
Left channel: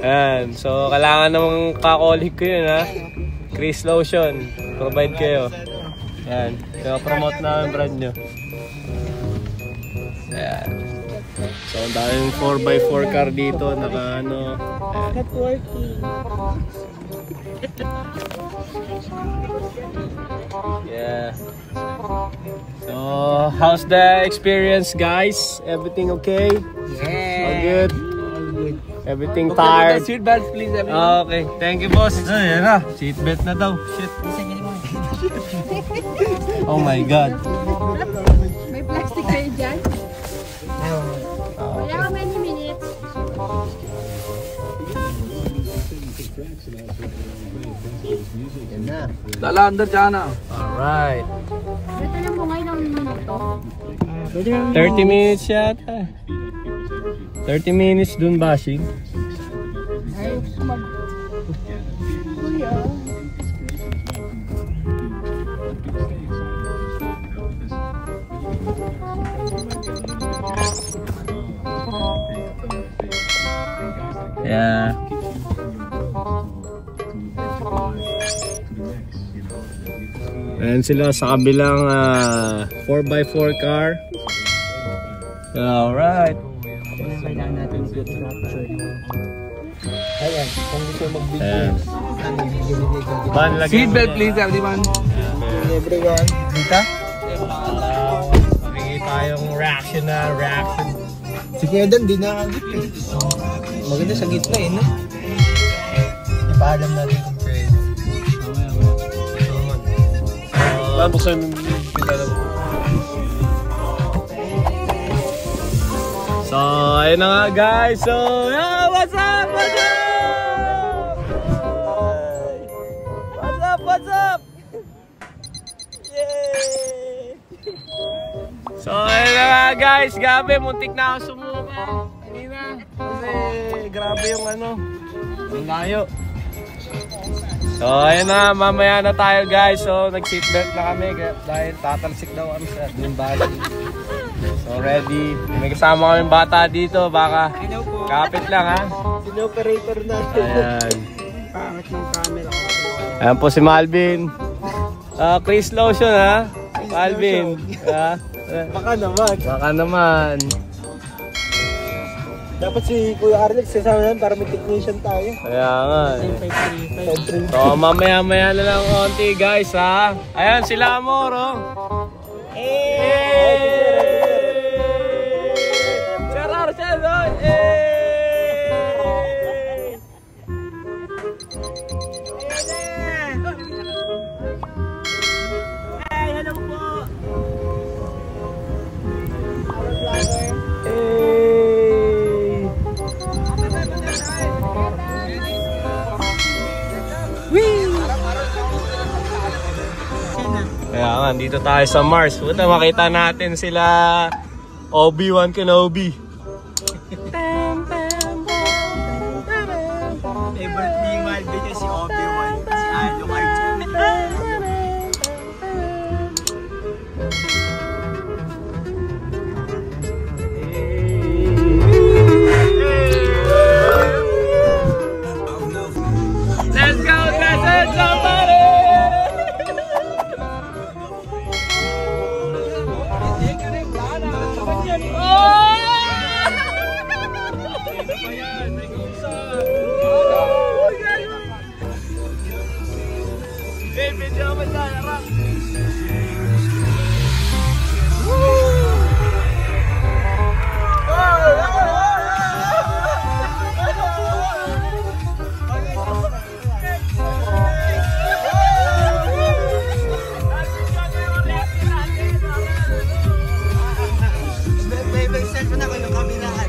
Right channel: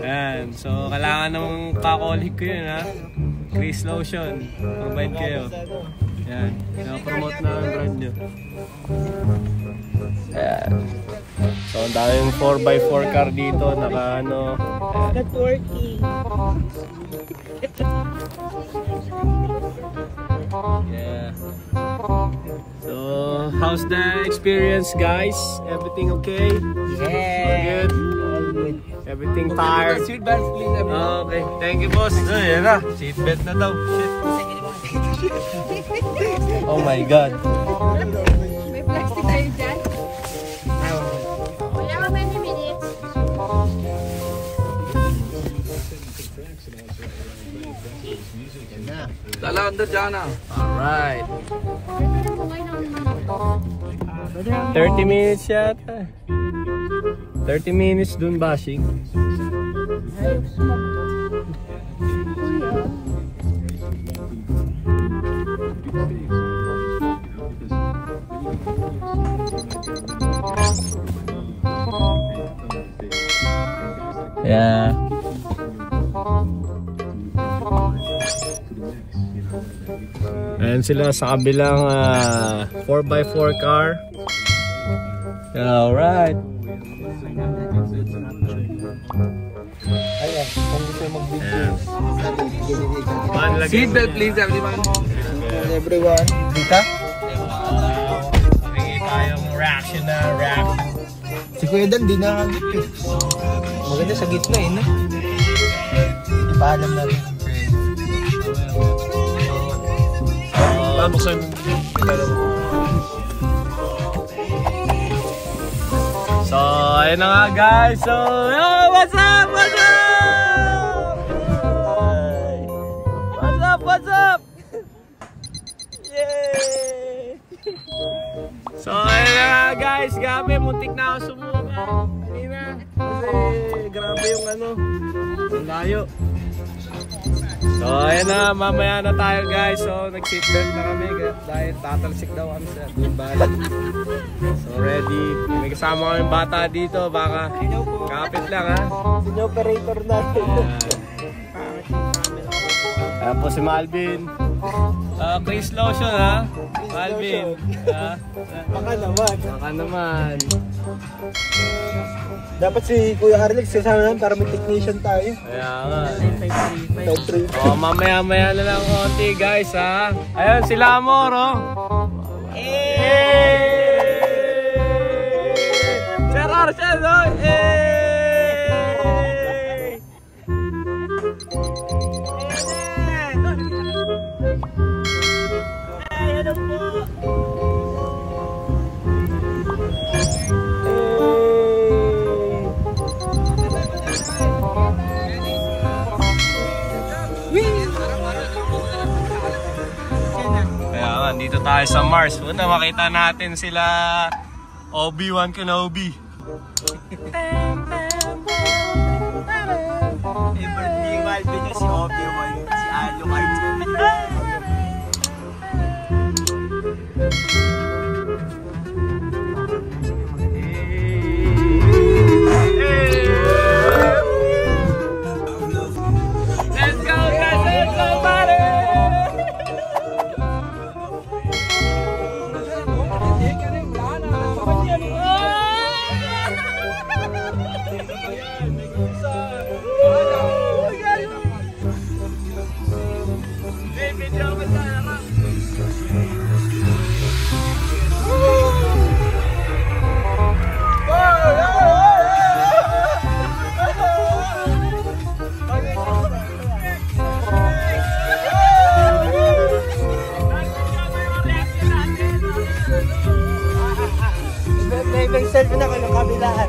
Ayan. So, kailangan namang kakolik ko yun ha. Chris Lotion. Provide kayo. Ayan. So, promote na ang brand nyo. Ayan. So, ang daming 4x4 car dito. Naka ano. Networking. Yeah. So, how's the experience, guys? Everything okay? All good? Everything tired? Seatbelt, please, everyone. Okay, thank you, boss. Ay, yan na. Seatbelt na daw. Shit. Oh my God. May plastic kayo dyan? Wala ka many minutes. Lalanda dyan na. Alright. Ito lang po ngayon ang minuto. 30 minutes yata. 30 minutes dun, Bashing. Yeah. Ayan sila sa kabilang 4x4 car. Alright. Seatbelt, please, everyone. Everyone. Dita? Makikita yung reaction. Si Kuya Dan, di nakagit eh. Maganda sa gitna eh, no? Ipaalam natin kung Fred. Buksan. So, ayun na nga guys. So, what's up? What's up? What's up? Yay! So, ayun na nga guys. Gabi, muntik na ako sumuka kanina. Kasi grabe yung ano. Ang layo. So, ayun na, mamaya na tayo guys. So, nag-seatbelt na kami dahil tatalsik daw kami sa Bali. So, ready. May kasama kami bata dito, baka kapit lang ha. Operator natin. Ayan po si Malvin. Chris Lotion ha. Malvin. Baka naman. Baka naman. Dapat si Kuya Arlex sasama naman para may technician tayo. Kaya nga. So, mamaya-maya na lang konti guys ha. Ayan sila Amor oh. Kaya nga, dito tayo sa Mars. Punta makita natin sila Obi-Wan Kenobi. Favorite ni Malvin niya si Obi-Wan, si Alucard. Let's go guys, let's go buddy! Selfie na kayo ng kabilaan.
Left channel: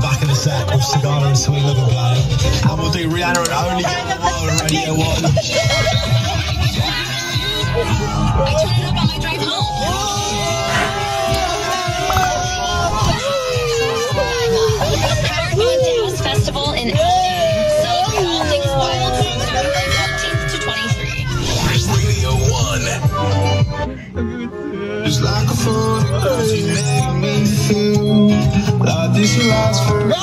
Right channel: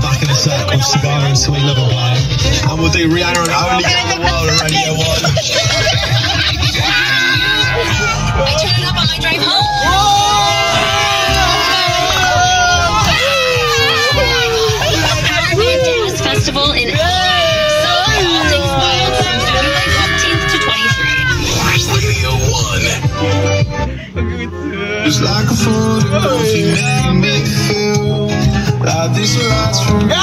Back in a circle, cigar and sweet loving blow. And we'll do Rihanna and Only Get One, Radio 1. I turn it up on my drive home. Powerman Jazz Festival in LA. So all things wild from February 15th to 23rd. Radio 1. It's like a photograph, you make me feel like this will last forever.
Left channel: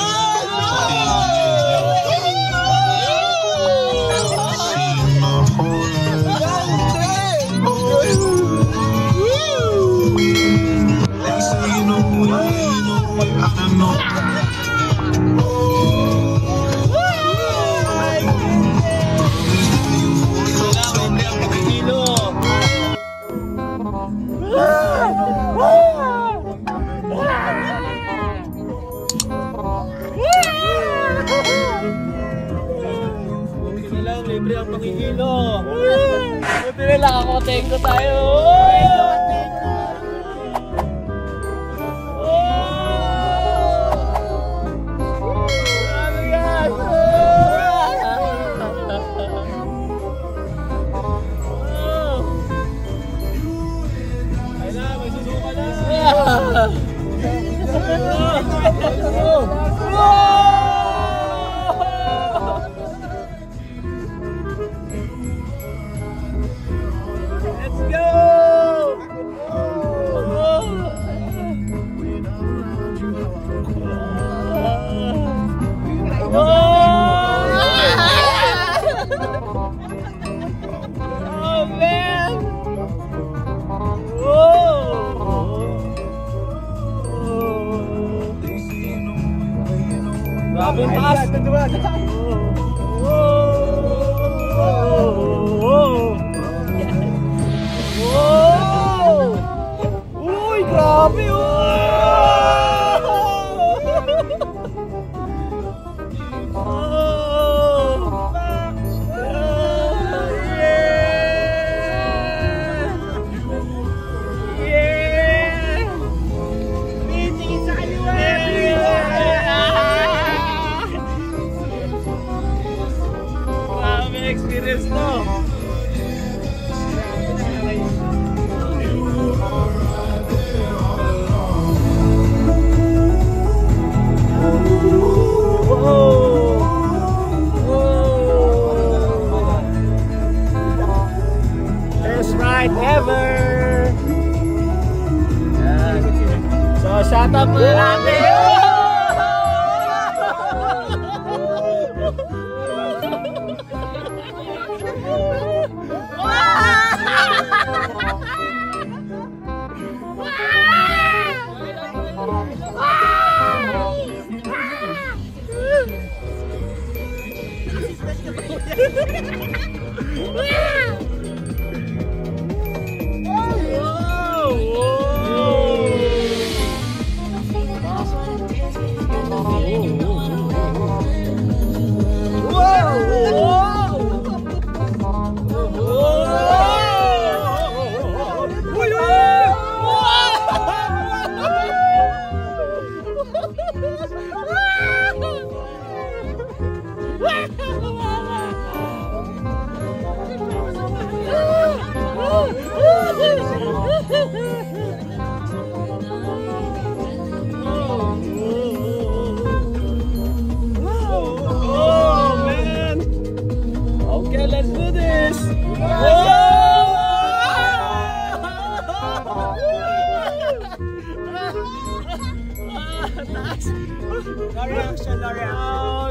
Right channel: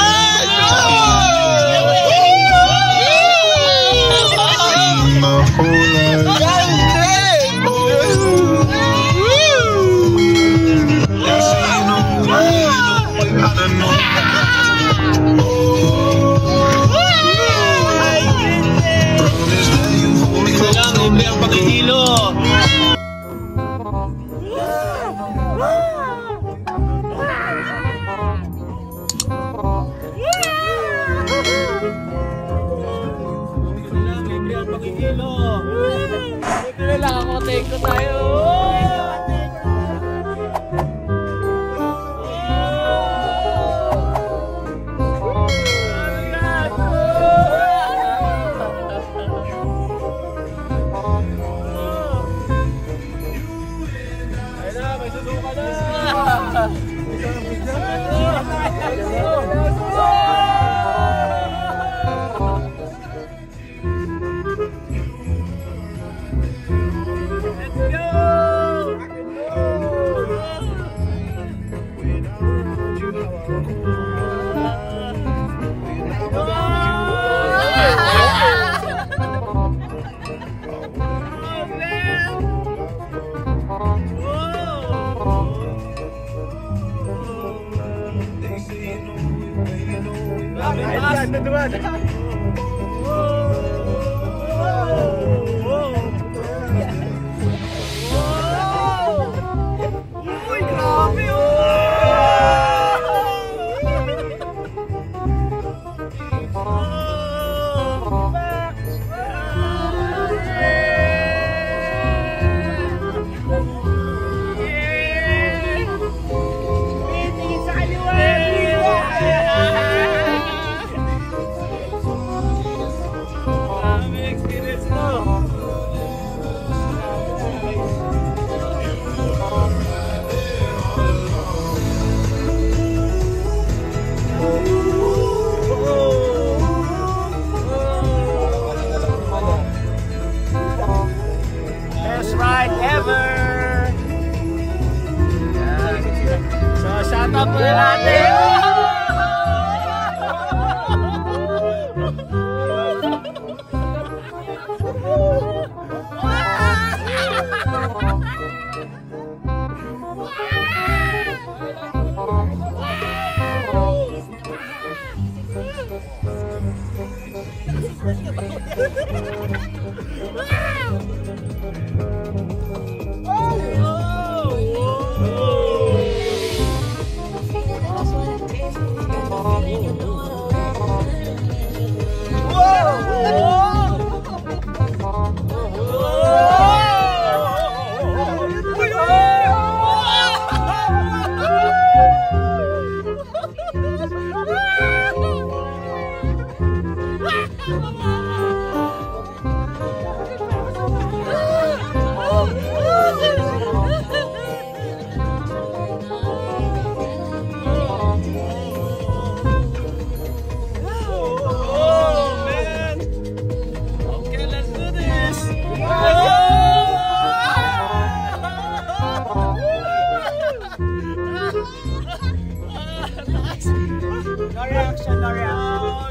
My whole life.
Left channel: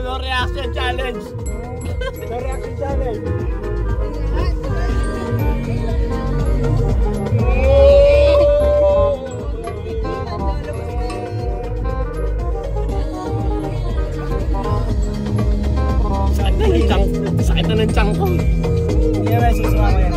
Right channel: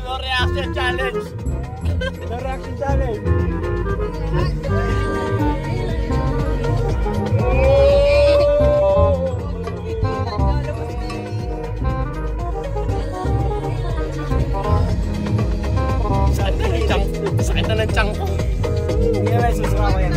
No reaction challenge. No reaction challenge. Sandali lang. Sakit na ng tiyan ko. Kaya may susuka ko yan.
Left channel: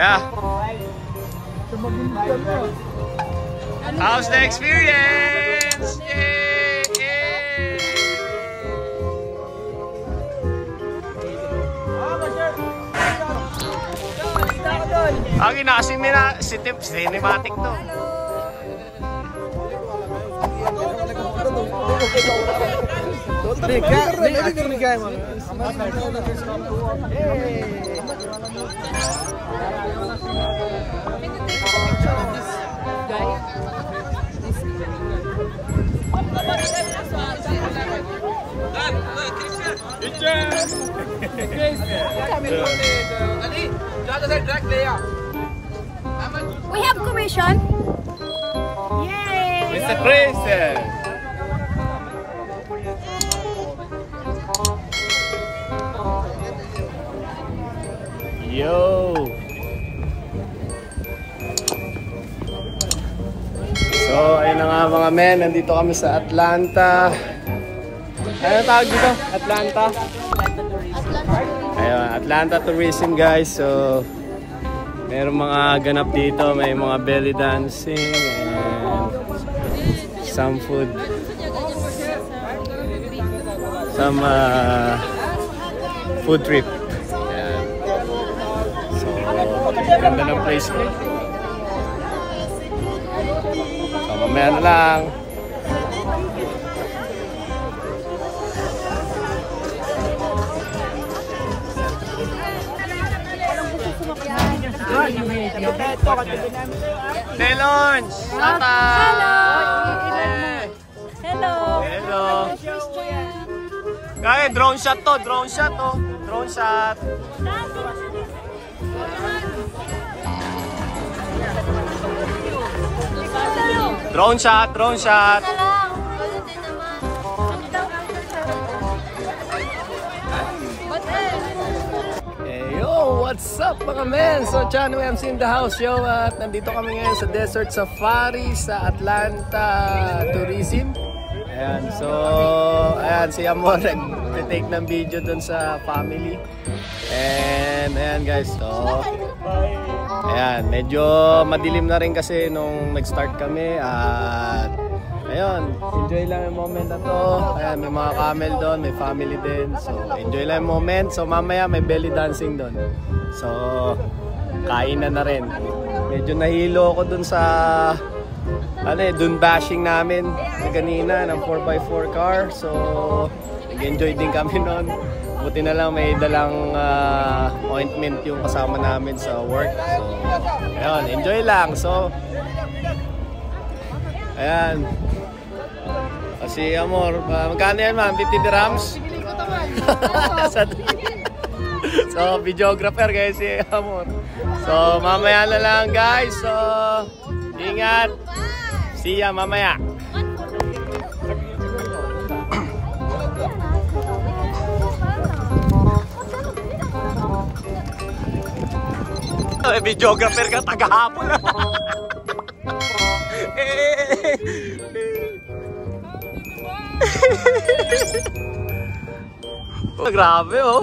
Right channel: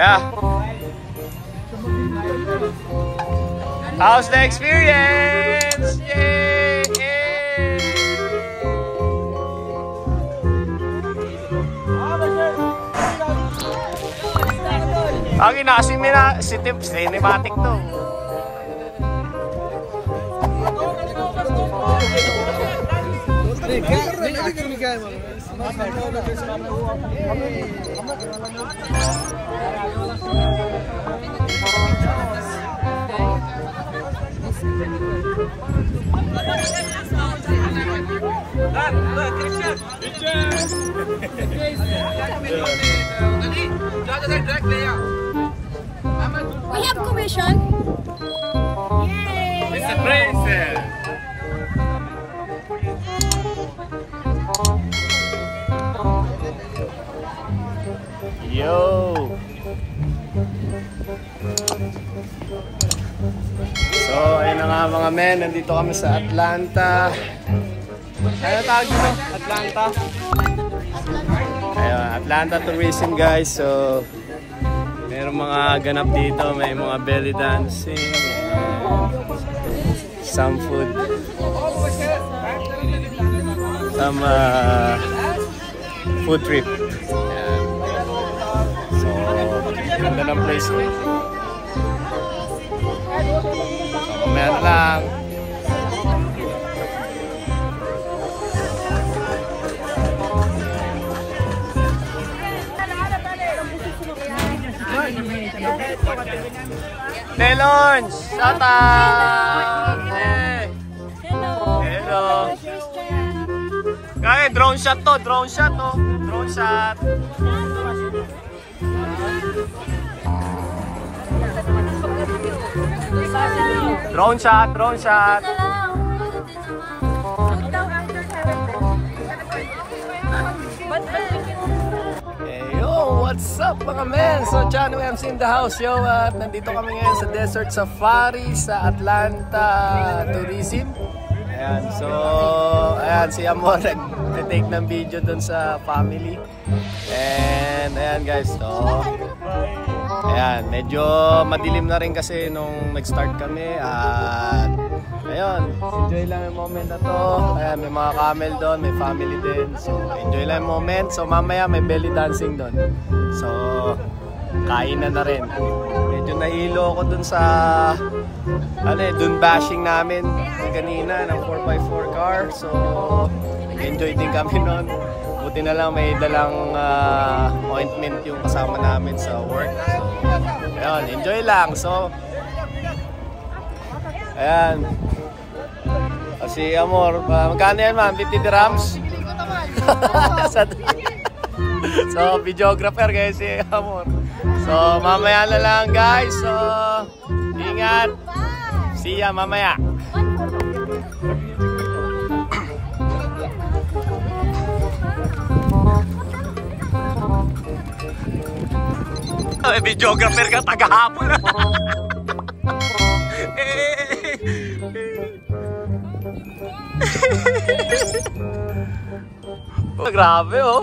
Yeah. How's the experience? Yay! Okay na kasi may na cinematic to. We have commission. Yay! Mr. Grayson. Yo. So, ayun na nga mga men, nandito kami sa Atlanta. Ano tawag dito? Atlanta? Ayun, Atlanta tourism guys. So, meron mga ganap dito, may mga belly dancing and some food. Some food trip. Ayan. So, ganda ng place. So, mamaya na lang. Telon! Shout out! Hello! Hello! Kaya drone shot to, drone shot to. Drone shot. Drone shot, drone shot. What's up mga men? So John MC in the house yo, at nandito kami ngayon sa Desert Safari sa Atlanta Tourism. Ayan, so ayan si Amor nag-take ng video dun sa family. And ayan guys, so ayan, medyo madilim na rin kasi nung nag-start kami at ayun, enjoy lang yung moment na to. Ayan, may mga camel doon, may family din. So, enjoy lang yung moment. So, mamaya may belly dancing doon. So, kain na rin. Medyo nahilo ako doon sa dun bashing namin kanina ng 4x4 car. So, nag-enjoy din kami noon. Buti na lang may dalang ointment yung kasama namin sa work. So, ayun, enjoy lang. So, ayan. Si Amor, magkano yan ma'am? 50 dirhams? So, videographer guys si Amor. So, mamaya na lang guys. So, ingat. See ya mamaya. May videographer ka tagahapon. Oh, grabe oh.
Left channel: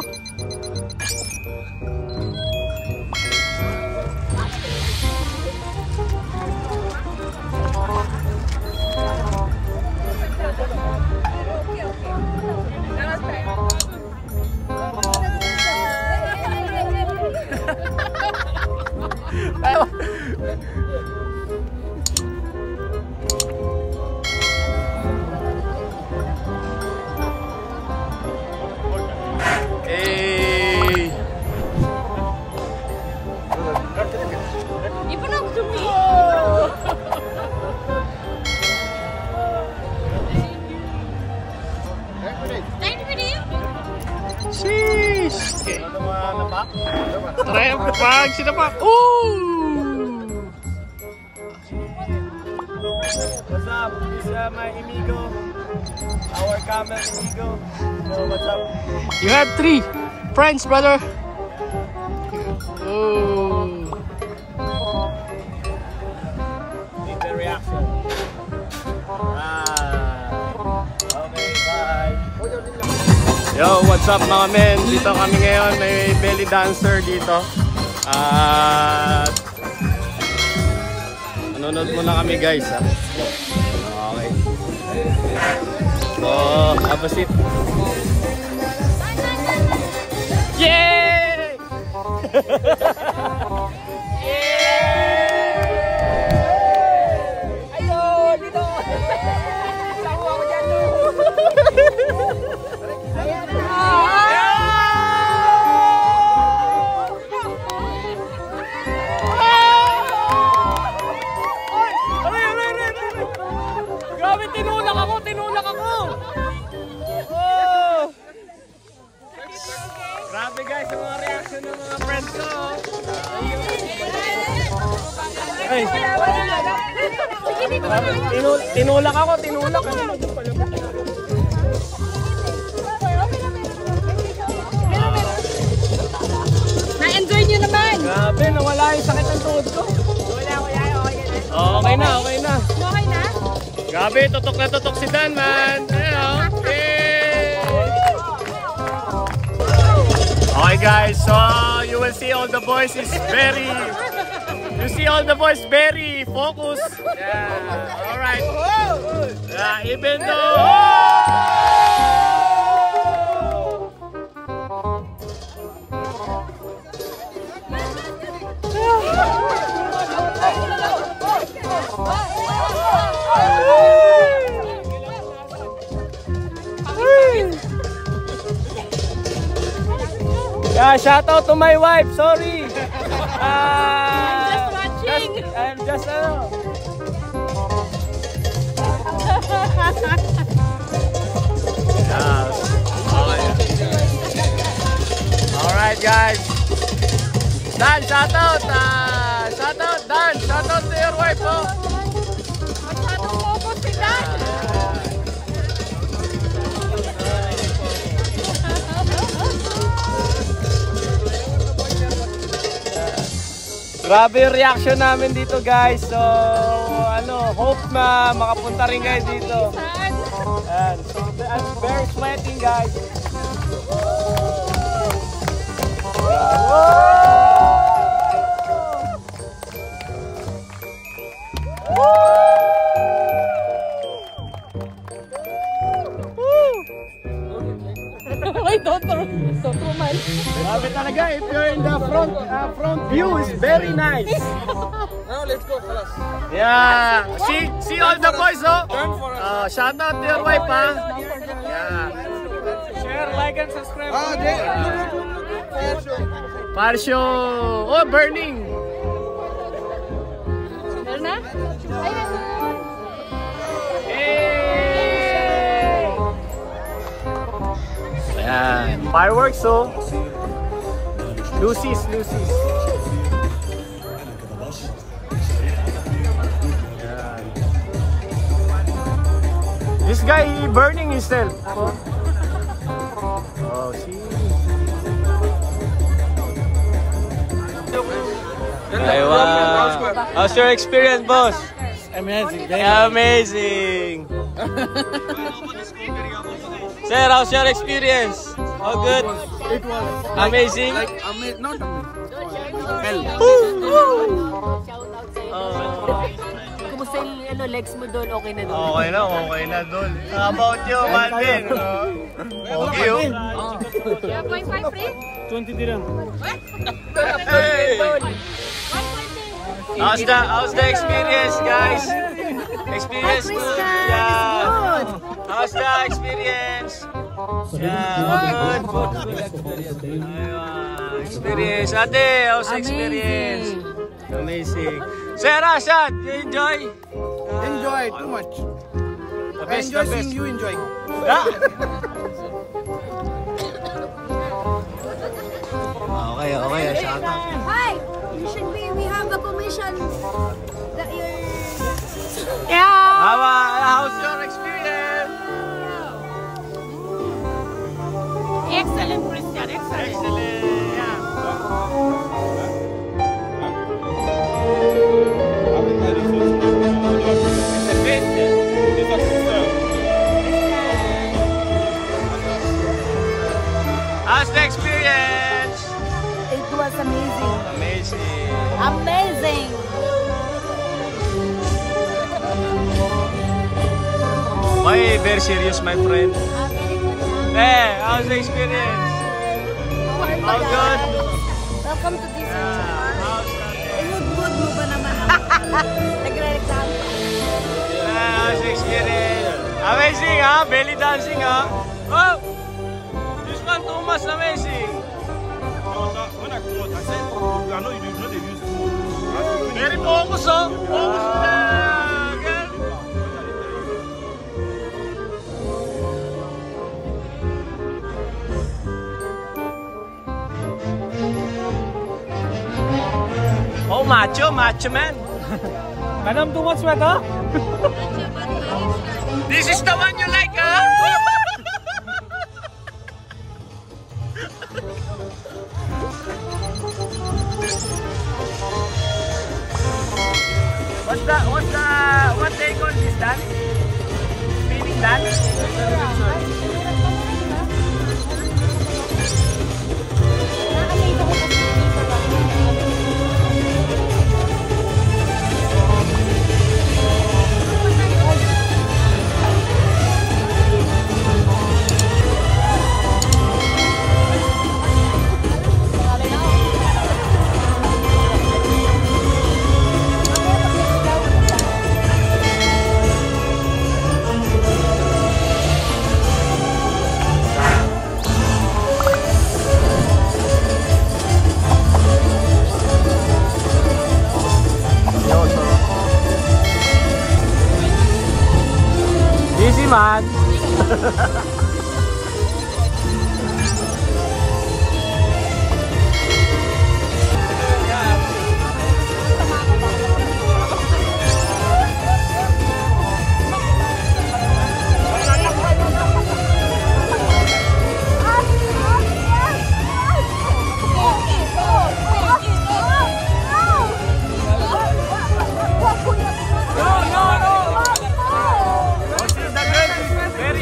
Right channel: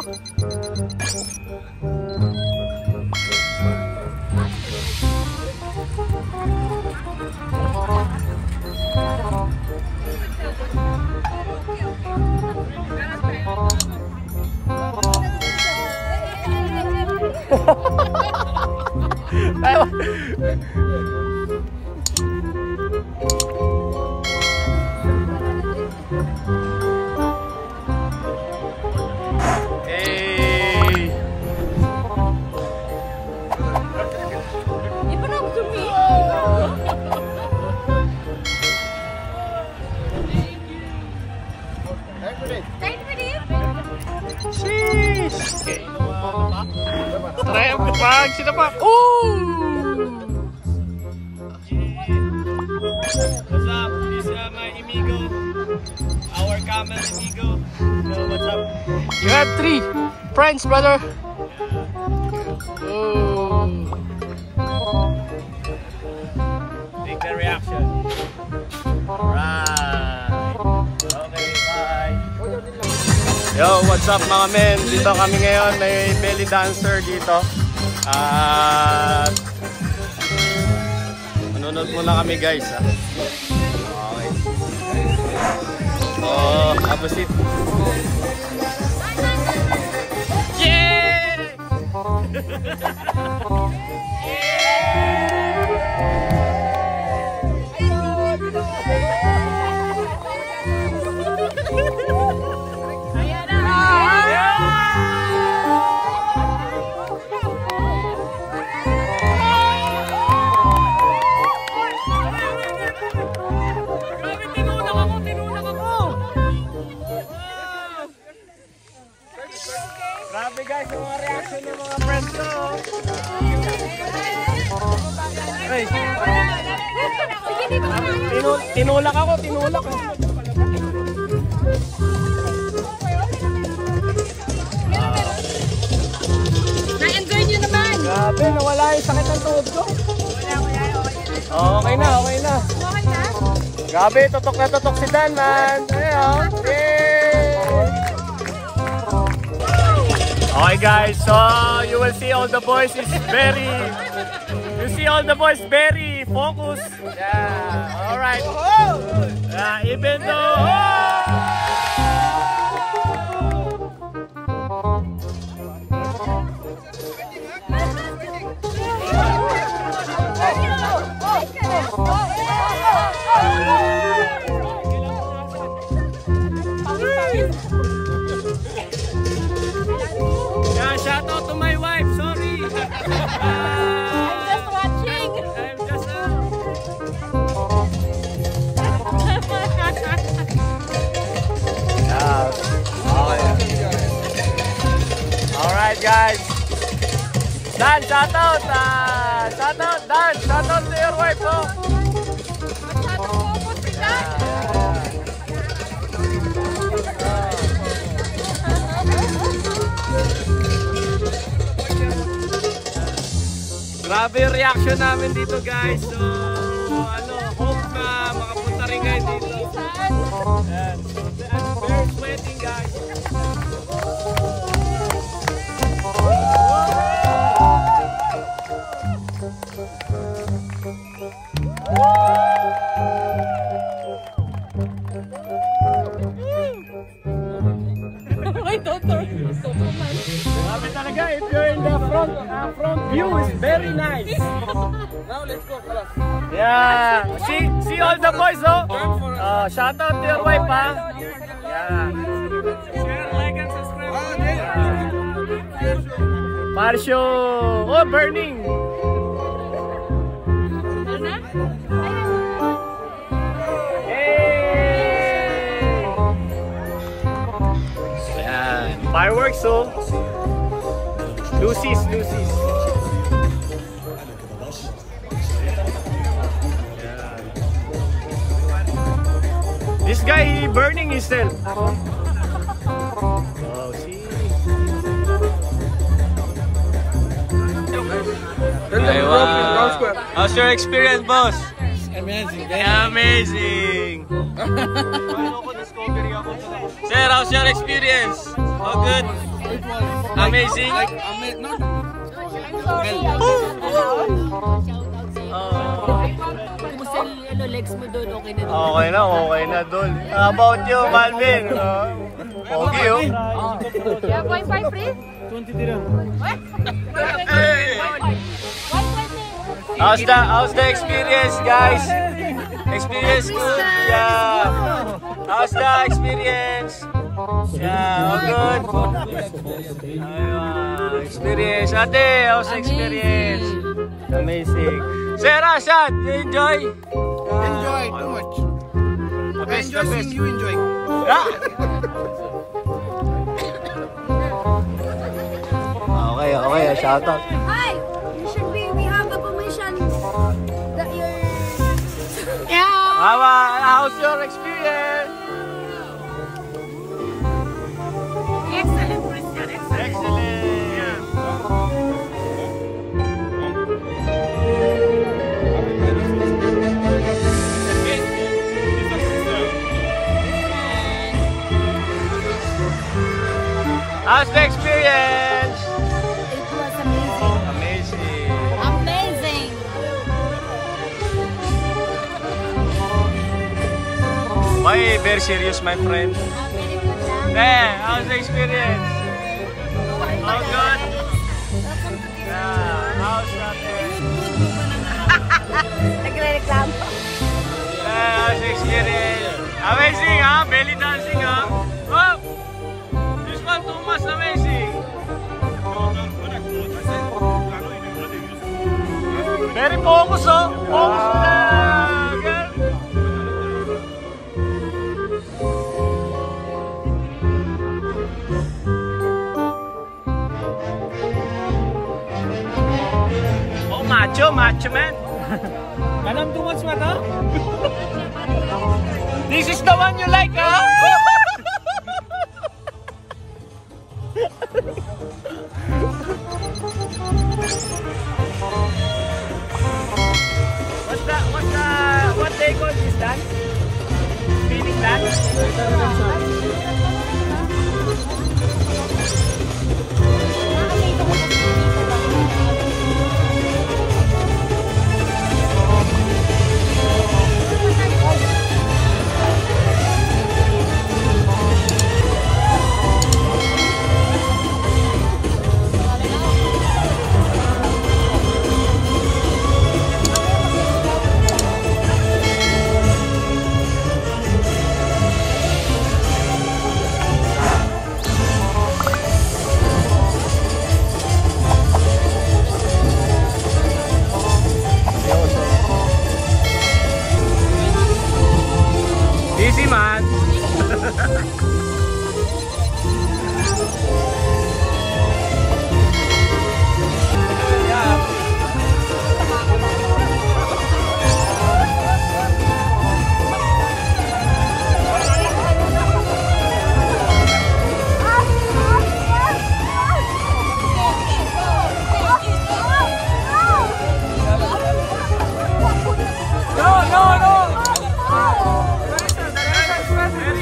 Hey. Sheesh. Okay. Triumph pag sinapak. Ooh. What's up? This is my amigo. Our camel amigo. So what's up? You have 3 friends, brother. Oh. Take the reaction. Right. Okay, bye. Yo, what's up mga men? Dito kami ngayon. May belly dancer dito. At manonood muna kami guys ha. Okay. So, have a seat. Yeah! Grabe guys, yung mga reaction ng mga friends ko. Ay, tinulak ako, tinulak. Na-enjoy nyo naman. Grabe, nawala yung sakit ng tuhod ko. Okay na, okay na. Okay na? Grabe, tutok na tutok si Dan, man. Okay guys, so you will see all the boys is very, focused. Yeah, all right. Even though. Shout out to my wife, sorry. I'm just watching. I'm just Alright guys. Dan, shout out. Shout out Dan, shout out to your wife po. Grabe yung reaction namin dito guys. So, hope na makapunta rin kayo dito. Ayan. I'm very sweating guys. Grabe talaga, if you're in the front view is very nice. Now let's go, fellas. Yeah, see all the boys oh. Shout out to your wife ha. Yeah. Share, like, and subscribe. Fire show. Oh, burning. Ayan. Fireworks oh. Lucy's. Yeah. This guy burning himself. Oh, see. Aywa. How's your experience, boss? Amazing. Amazing. Sir, how's your experience? How good? It was Amazing. not Kumusta yung legs mo doon? Okay na doon? Okay na, Dol. How about you, Malvin? Pogi, oh. 20 dirham. How's the experience, guys? Experience good? Yeah. How's the experience? Yeah, good. Aywa. Experience. Ate, how's the experience? Amazing. Sir Rashad, you enjoy? enjoy too much. I enjoy seeing you enjoy. Ah. Okay, shout out. Hi! We have the permission that you're... How's your experience? Excellent, Christian. Excellent. How's the experience? It was amazing. Amazing. Amazing! Why very serious, my friend? Very good. Hey, how's the experience? How good? Welcome to this. Yeah, how's that? Good mo ba naman ako? Nagre-reklamo. Yeah, how's the experience? Amazing, huh? Belly dancing, huh? Oh! This one too much amazing. Very focus, oh. Focus na. Girl. Oh, macho man. Kanam too much, Mata? This is the one you like, huh? What they call this dance? Spinning dance? Easy, man.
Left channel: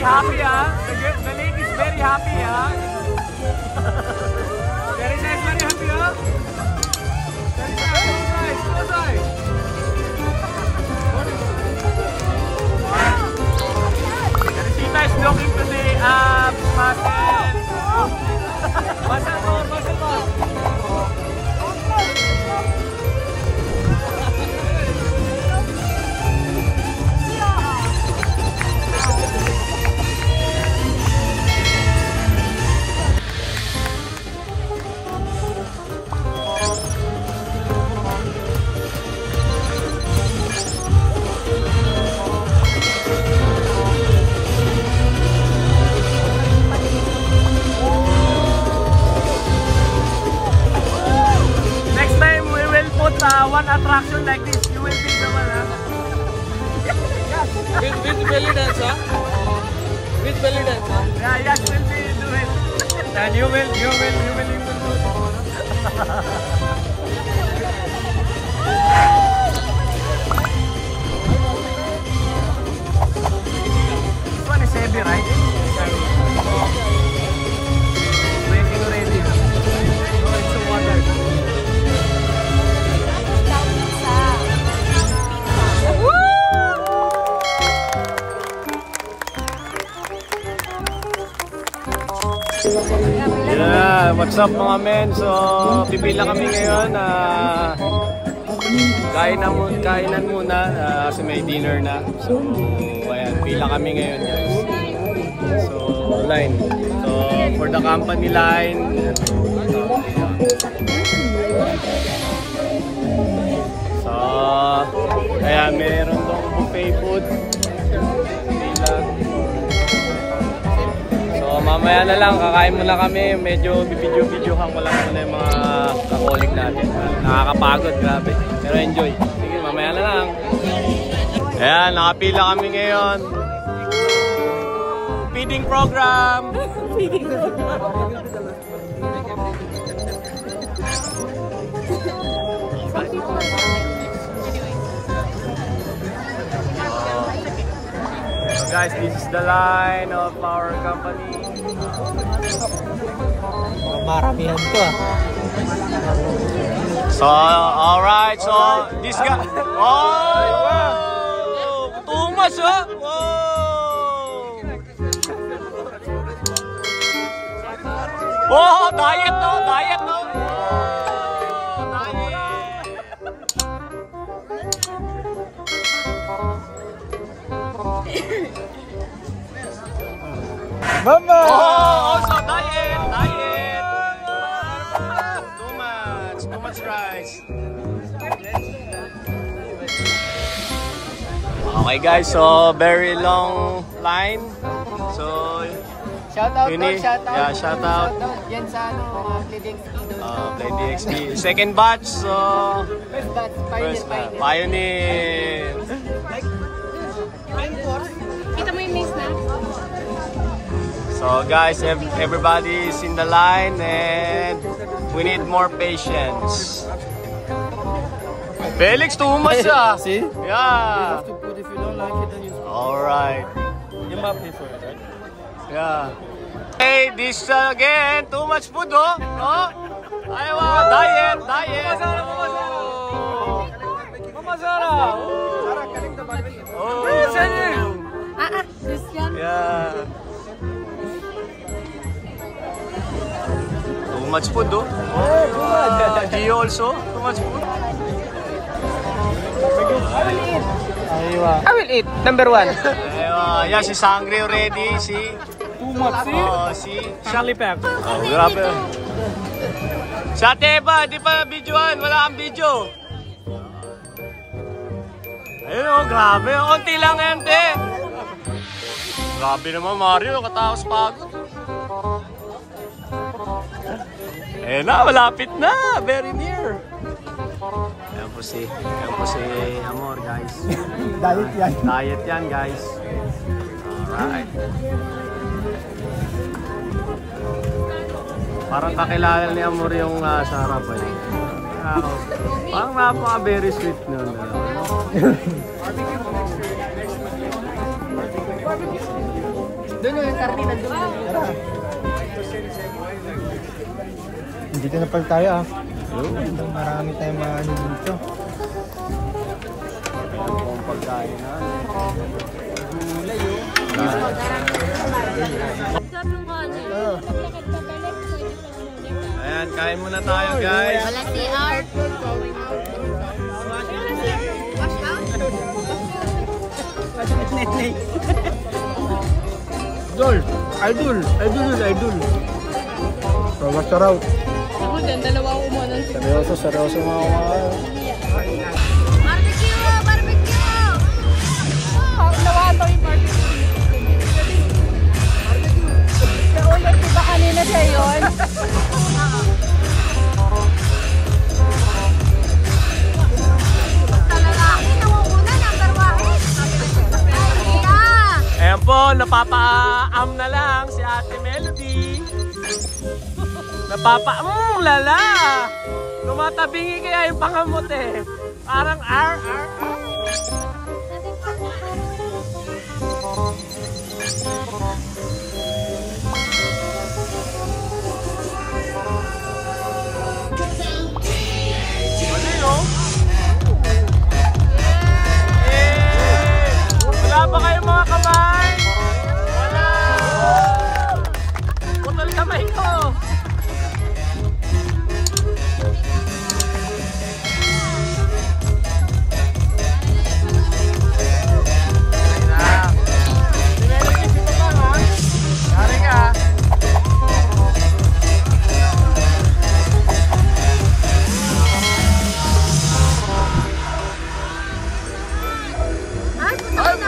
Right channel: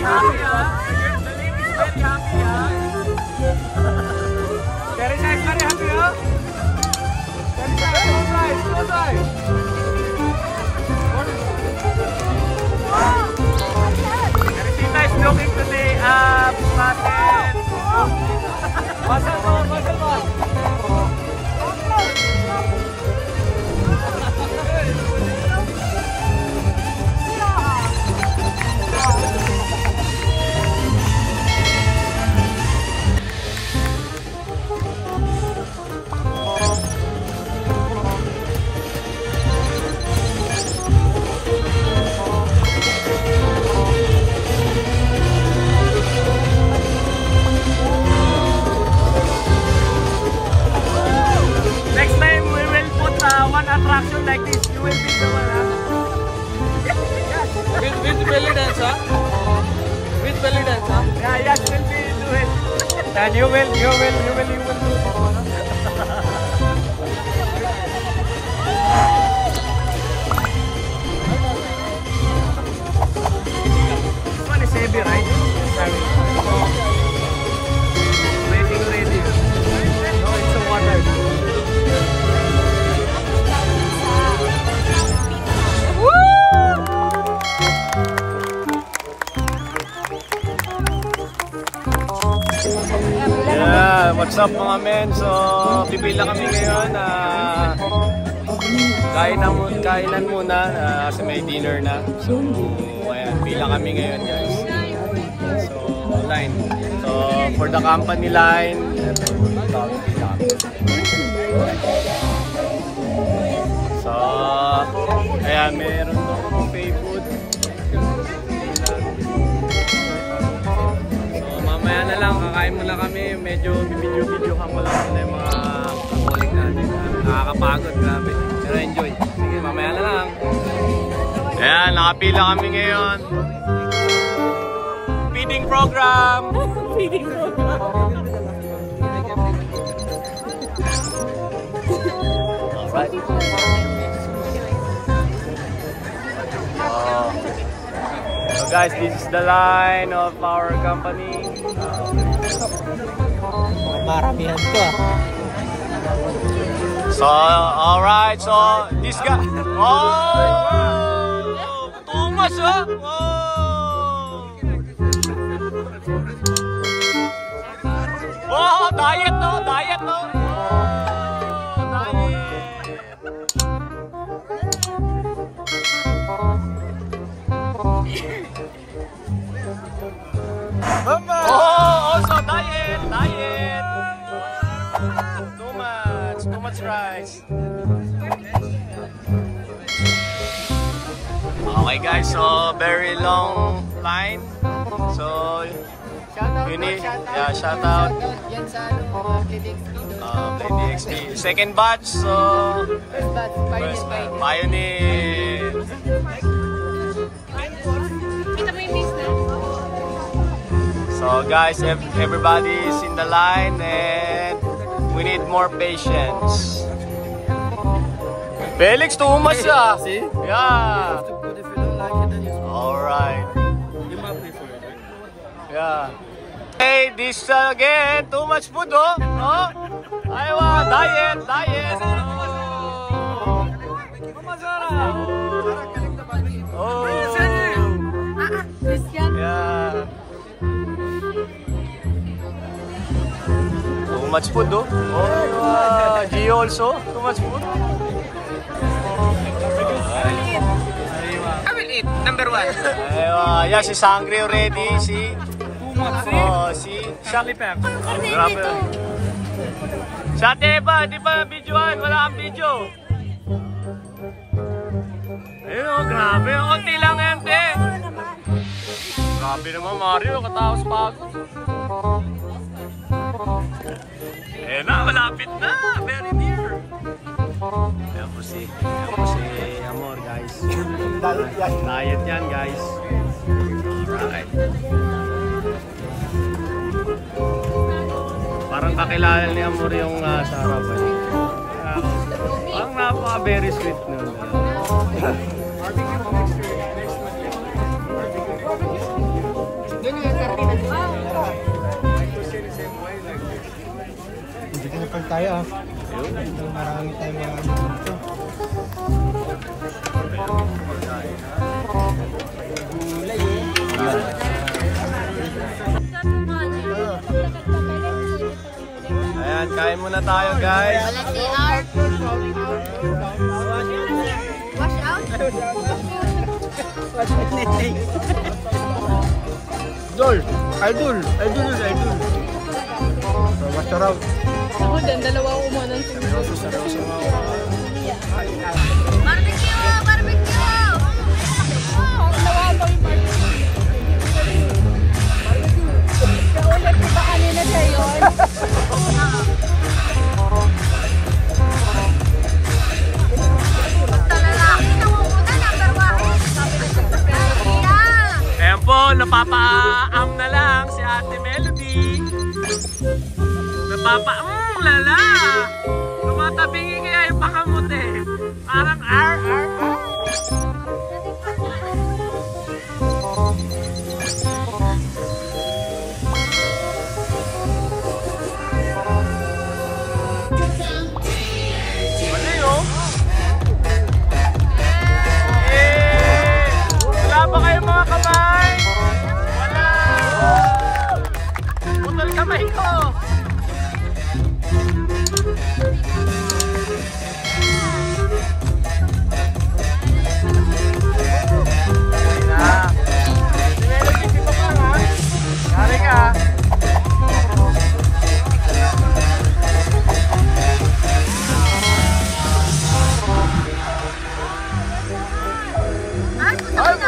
Happy, huh? The lady is very happy, huh? Very nice, very happy, huh? Very nice, close eyes. Teresita is looking to the muscle bar. Next time we will put one attraction like this. You will be the one, huh? With belly dance, huh? With belly dance, huh? Yeah, yes, will be do it. And you will do it. Ready, right? Ready. No, it's a water. Yeah, what's up mga men? So, pipila kami ngayon. Kainan muna kasi may dinner na. So, ayan, pila kami ngayon guys. So, line. So, for the company line. So, ayan, meron tong buffet food. Mamaya na lang, kakain muna kami. Medyo video-videohan ko lang muna yung mga kakolik natin. Nakakapagod, grabe. Pero enjoy. Sige, mamaya na lang. Ayan, nakapila kami ngayon. Feeding program! Alright. So guys, this is the line of our company. Maramihan to So, alright, so this guy. Oh! Too much, huh? Oh! Diet, no? Diet, no? Oh, diet. Mama! Oh, also diet. Too much rice. Okay guys, so very long line. So shout out. Yan sa Play DXD. Second batch, so first batch, Pioneer. Kita mo yung miss na? So guys, everybody is in the line and we need more patience. Felix, too much ah. See? Yeah. But if you don't like it, then you Alright. prefer it, right? Yeah. Hey, this again, too much food oh. Oh. Aywa, diet. Oh. Yeah. Too much food oh. Oh, Gio also, too much food. I will eat. Number 1. Aywa, yeah, she's hungry already. See? Too much, see? Oh, see? Lollipop. Oh, grabe. Sa Teba, di pa videoan. Wala kang video. Ayun oh, grabe. Konti lang yan, te. Grabe naman, Mario. Katapos pagod. Ayun na, malapit na. Very near. Ayan po si Amor, guys. Diet yan, guys. Alright. Parang kakilala ni Amor yung sa harapan. Parang napaka-very sweet nun. Doon yung kartina dito. Hindi ka napal tayo Marami tayong mga ano dito. Gulay Ayan, kain muna tayo guys. Idol. Sarap. Ako din, dalawa ko muna ng siguro. Sarap mga Nawato yung barbecue. Siya ulit, diba kanina siya yun? Ayan po, napapa-am na lang si Ate Melody. Lala! Tumatabingi kaya yung pakamot eh. Parang R.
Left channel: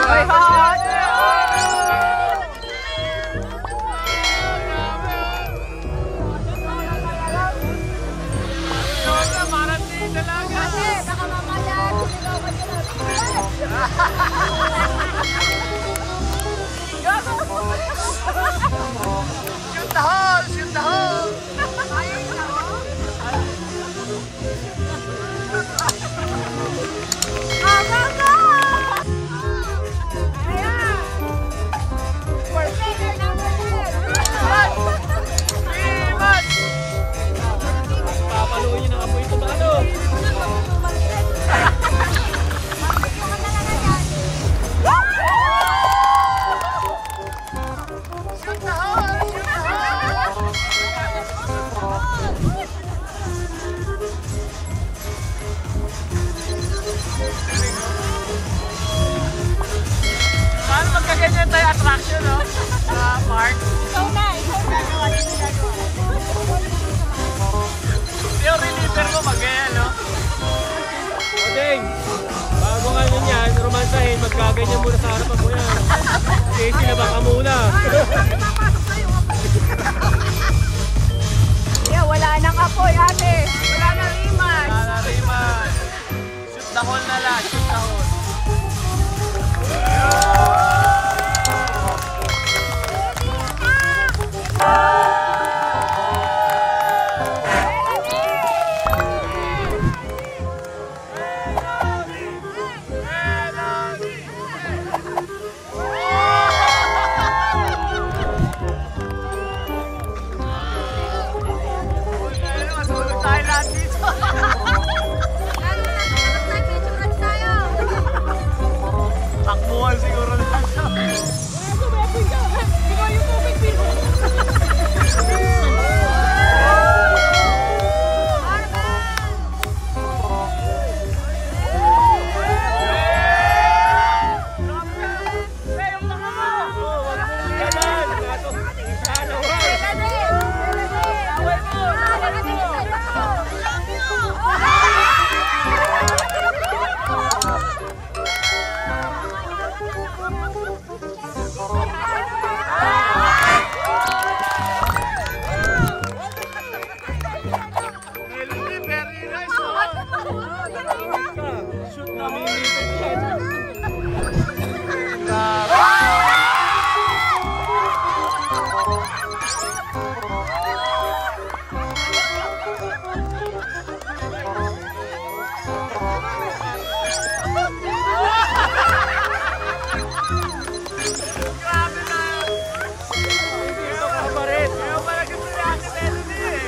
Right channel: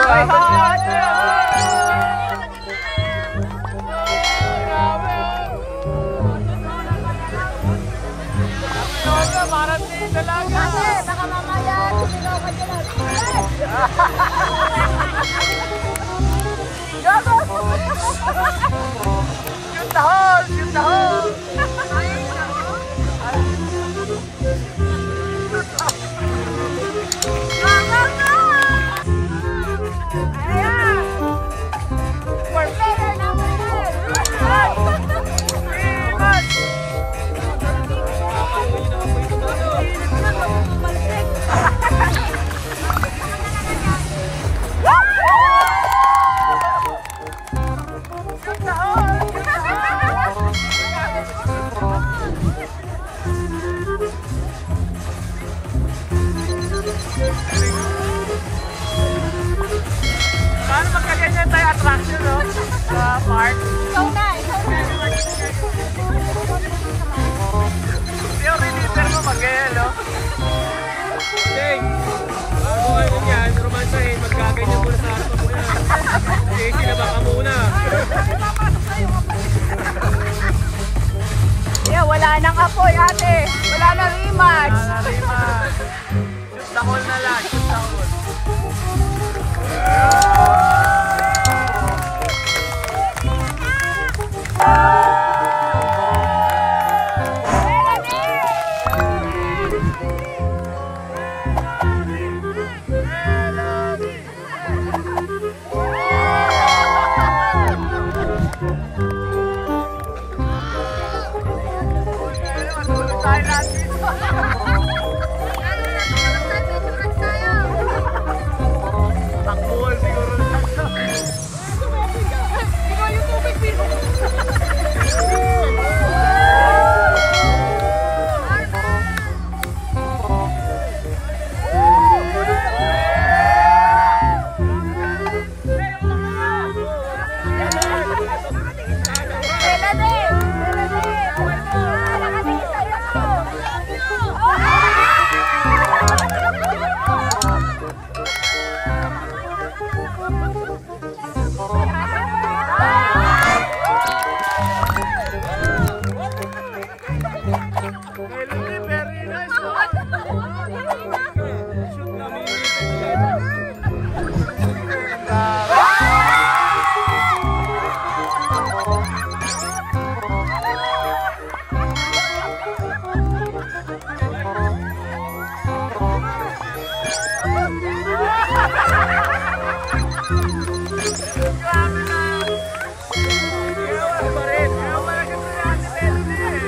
Shoot the hole! Shoot the hole! Paano magkaganyan tayo attraction, no? Sa park? Ikaw na. Yung reliever mo magganyan, no? Ding! Bago kayo niyan, romansahin, magkaganyan muna sa harapan mo yan. Kasi na baka muna. Yeah, wala nang apoy, ate. Wala nang image. Wala na riman. Shoot the hole na lang. Shoot the hole. Takbuhan siguro lahat. Very nice, no? Shoot na grabe na! Ayaw pala gusto ni Ate Melody eh.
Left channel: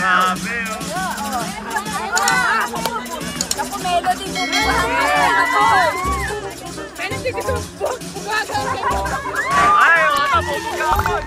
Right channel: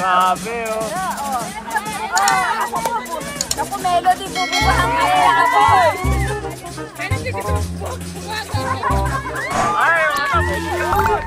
Grabe, oh. Ako melody po. Ay, ano, bumigapon.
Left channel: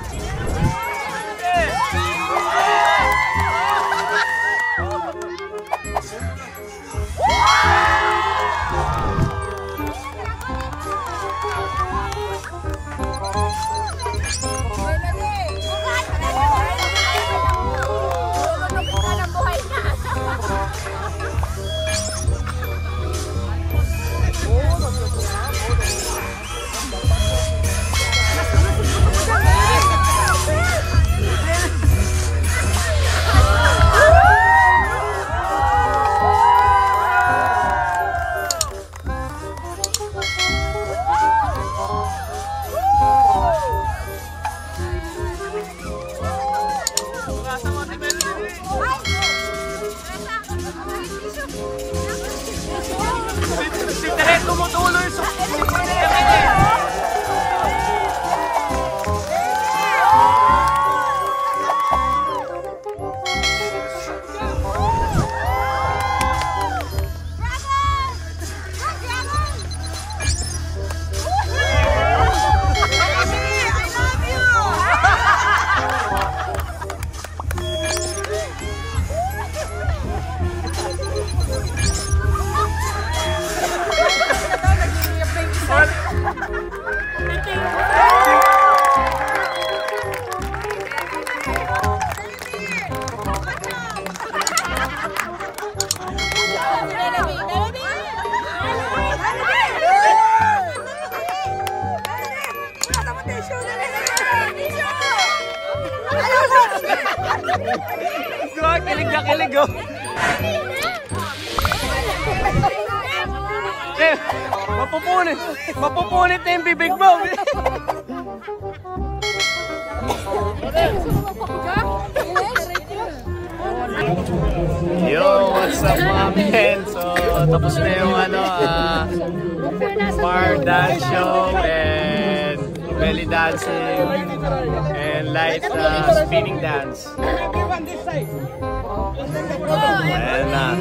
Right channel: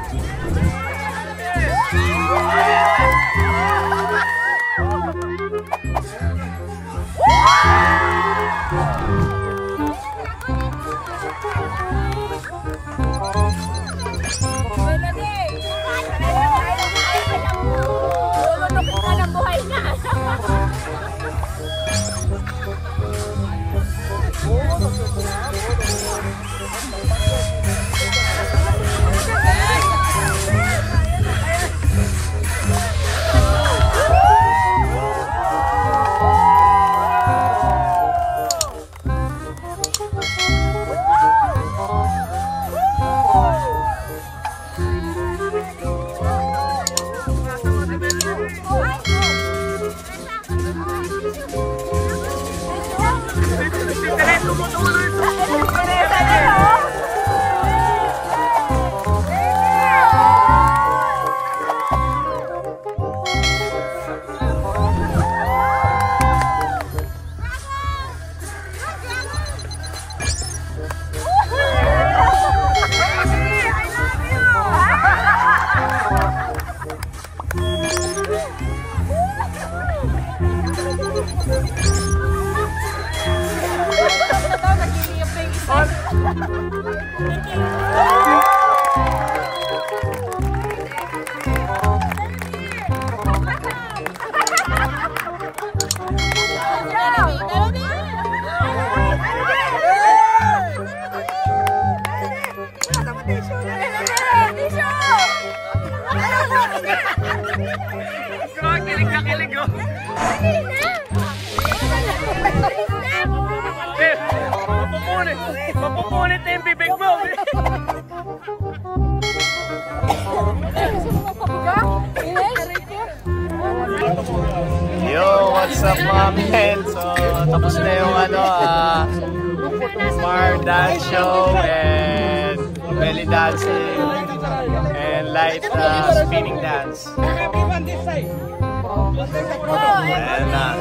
Kilig na kilig oh. Eh, mapupunit na yung bibig mo. Yo, what's up mga men? So, tapos na yung bar dance show and belly dancing and light spinning dance. Ayan na.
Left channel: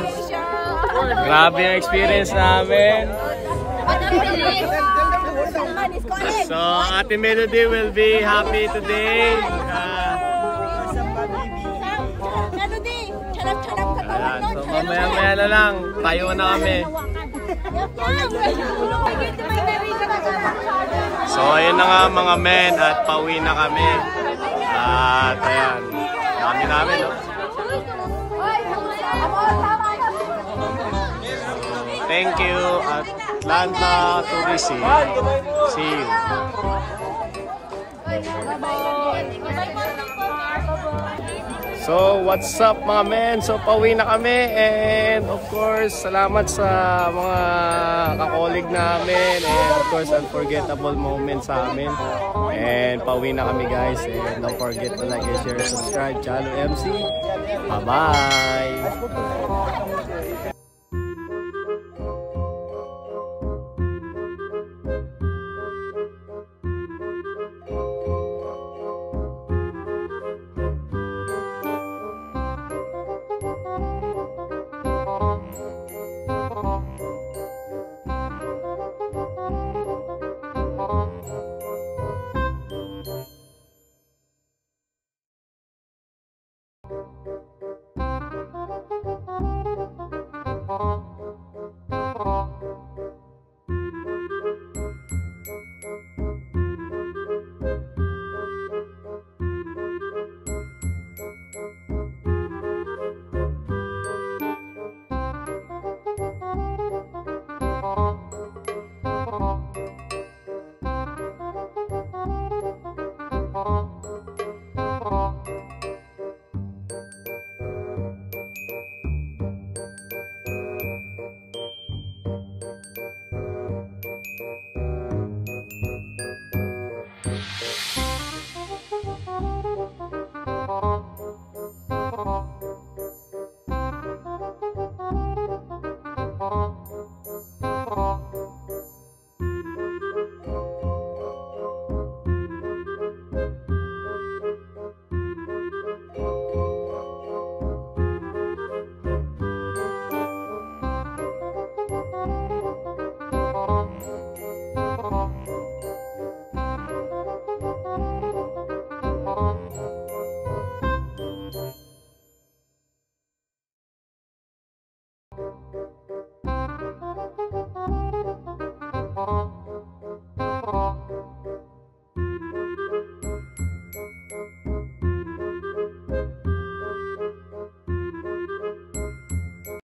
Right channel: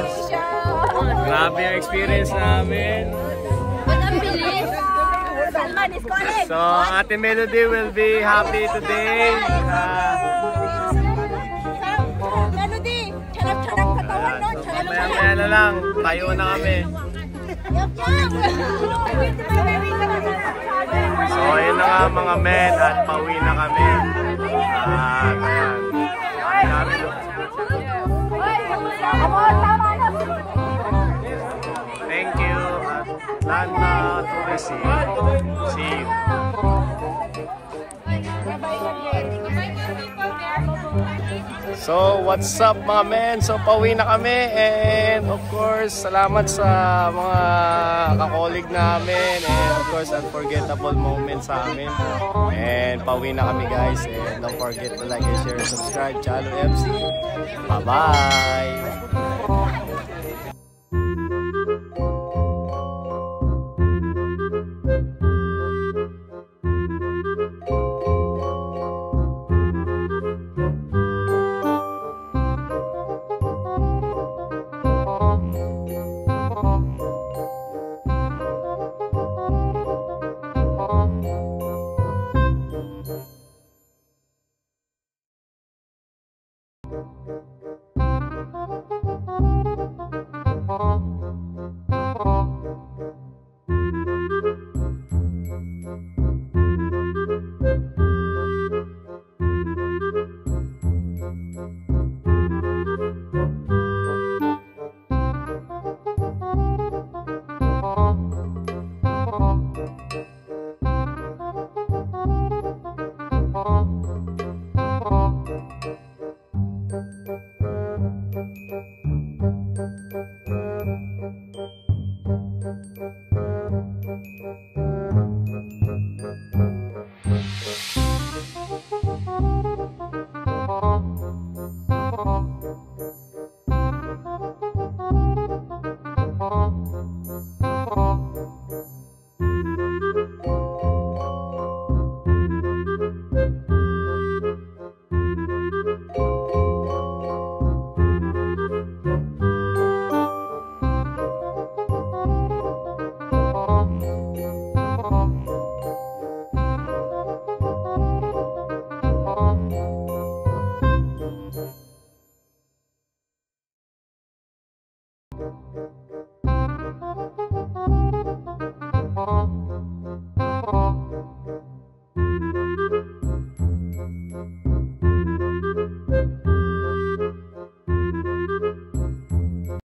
Grabe yung experience namin. So, Ate Melody will be happy today. Ayan, so mamaya-maya na lang, tayo na kami. So ayun na nga mga men at pauwi na kami. At ayan, dami namin no. Thank you Atlanta Tourism. See you. So, what's up mga men? So, pauwi na kami and of course, salamat sa mga kakolig namin and of course, unforgettable moments sa amin. And pauwi na kami guys and don't forget to like and share and subscribe. Chalo MC. Bye-bye!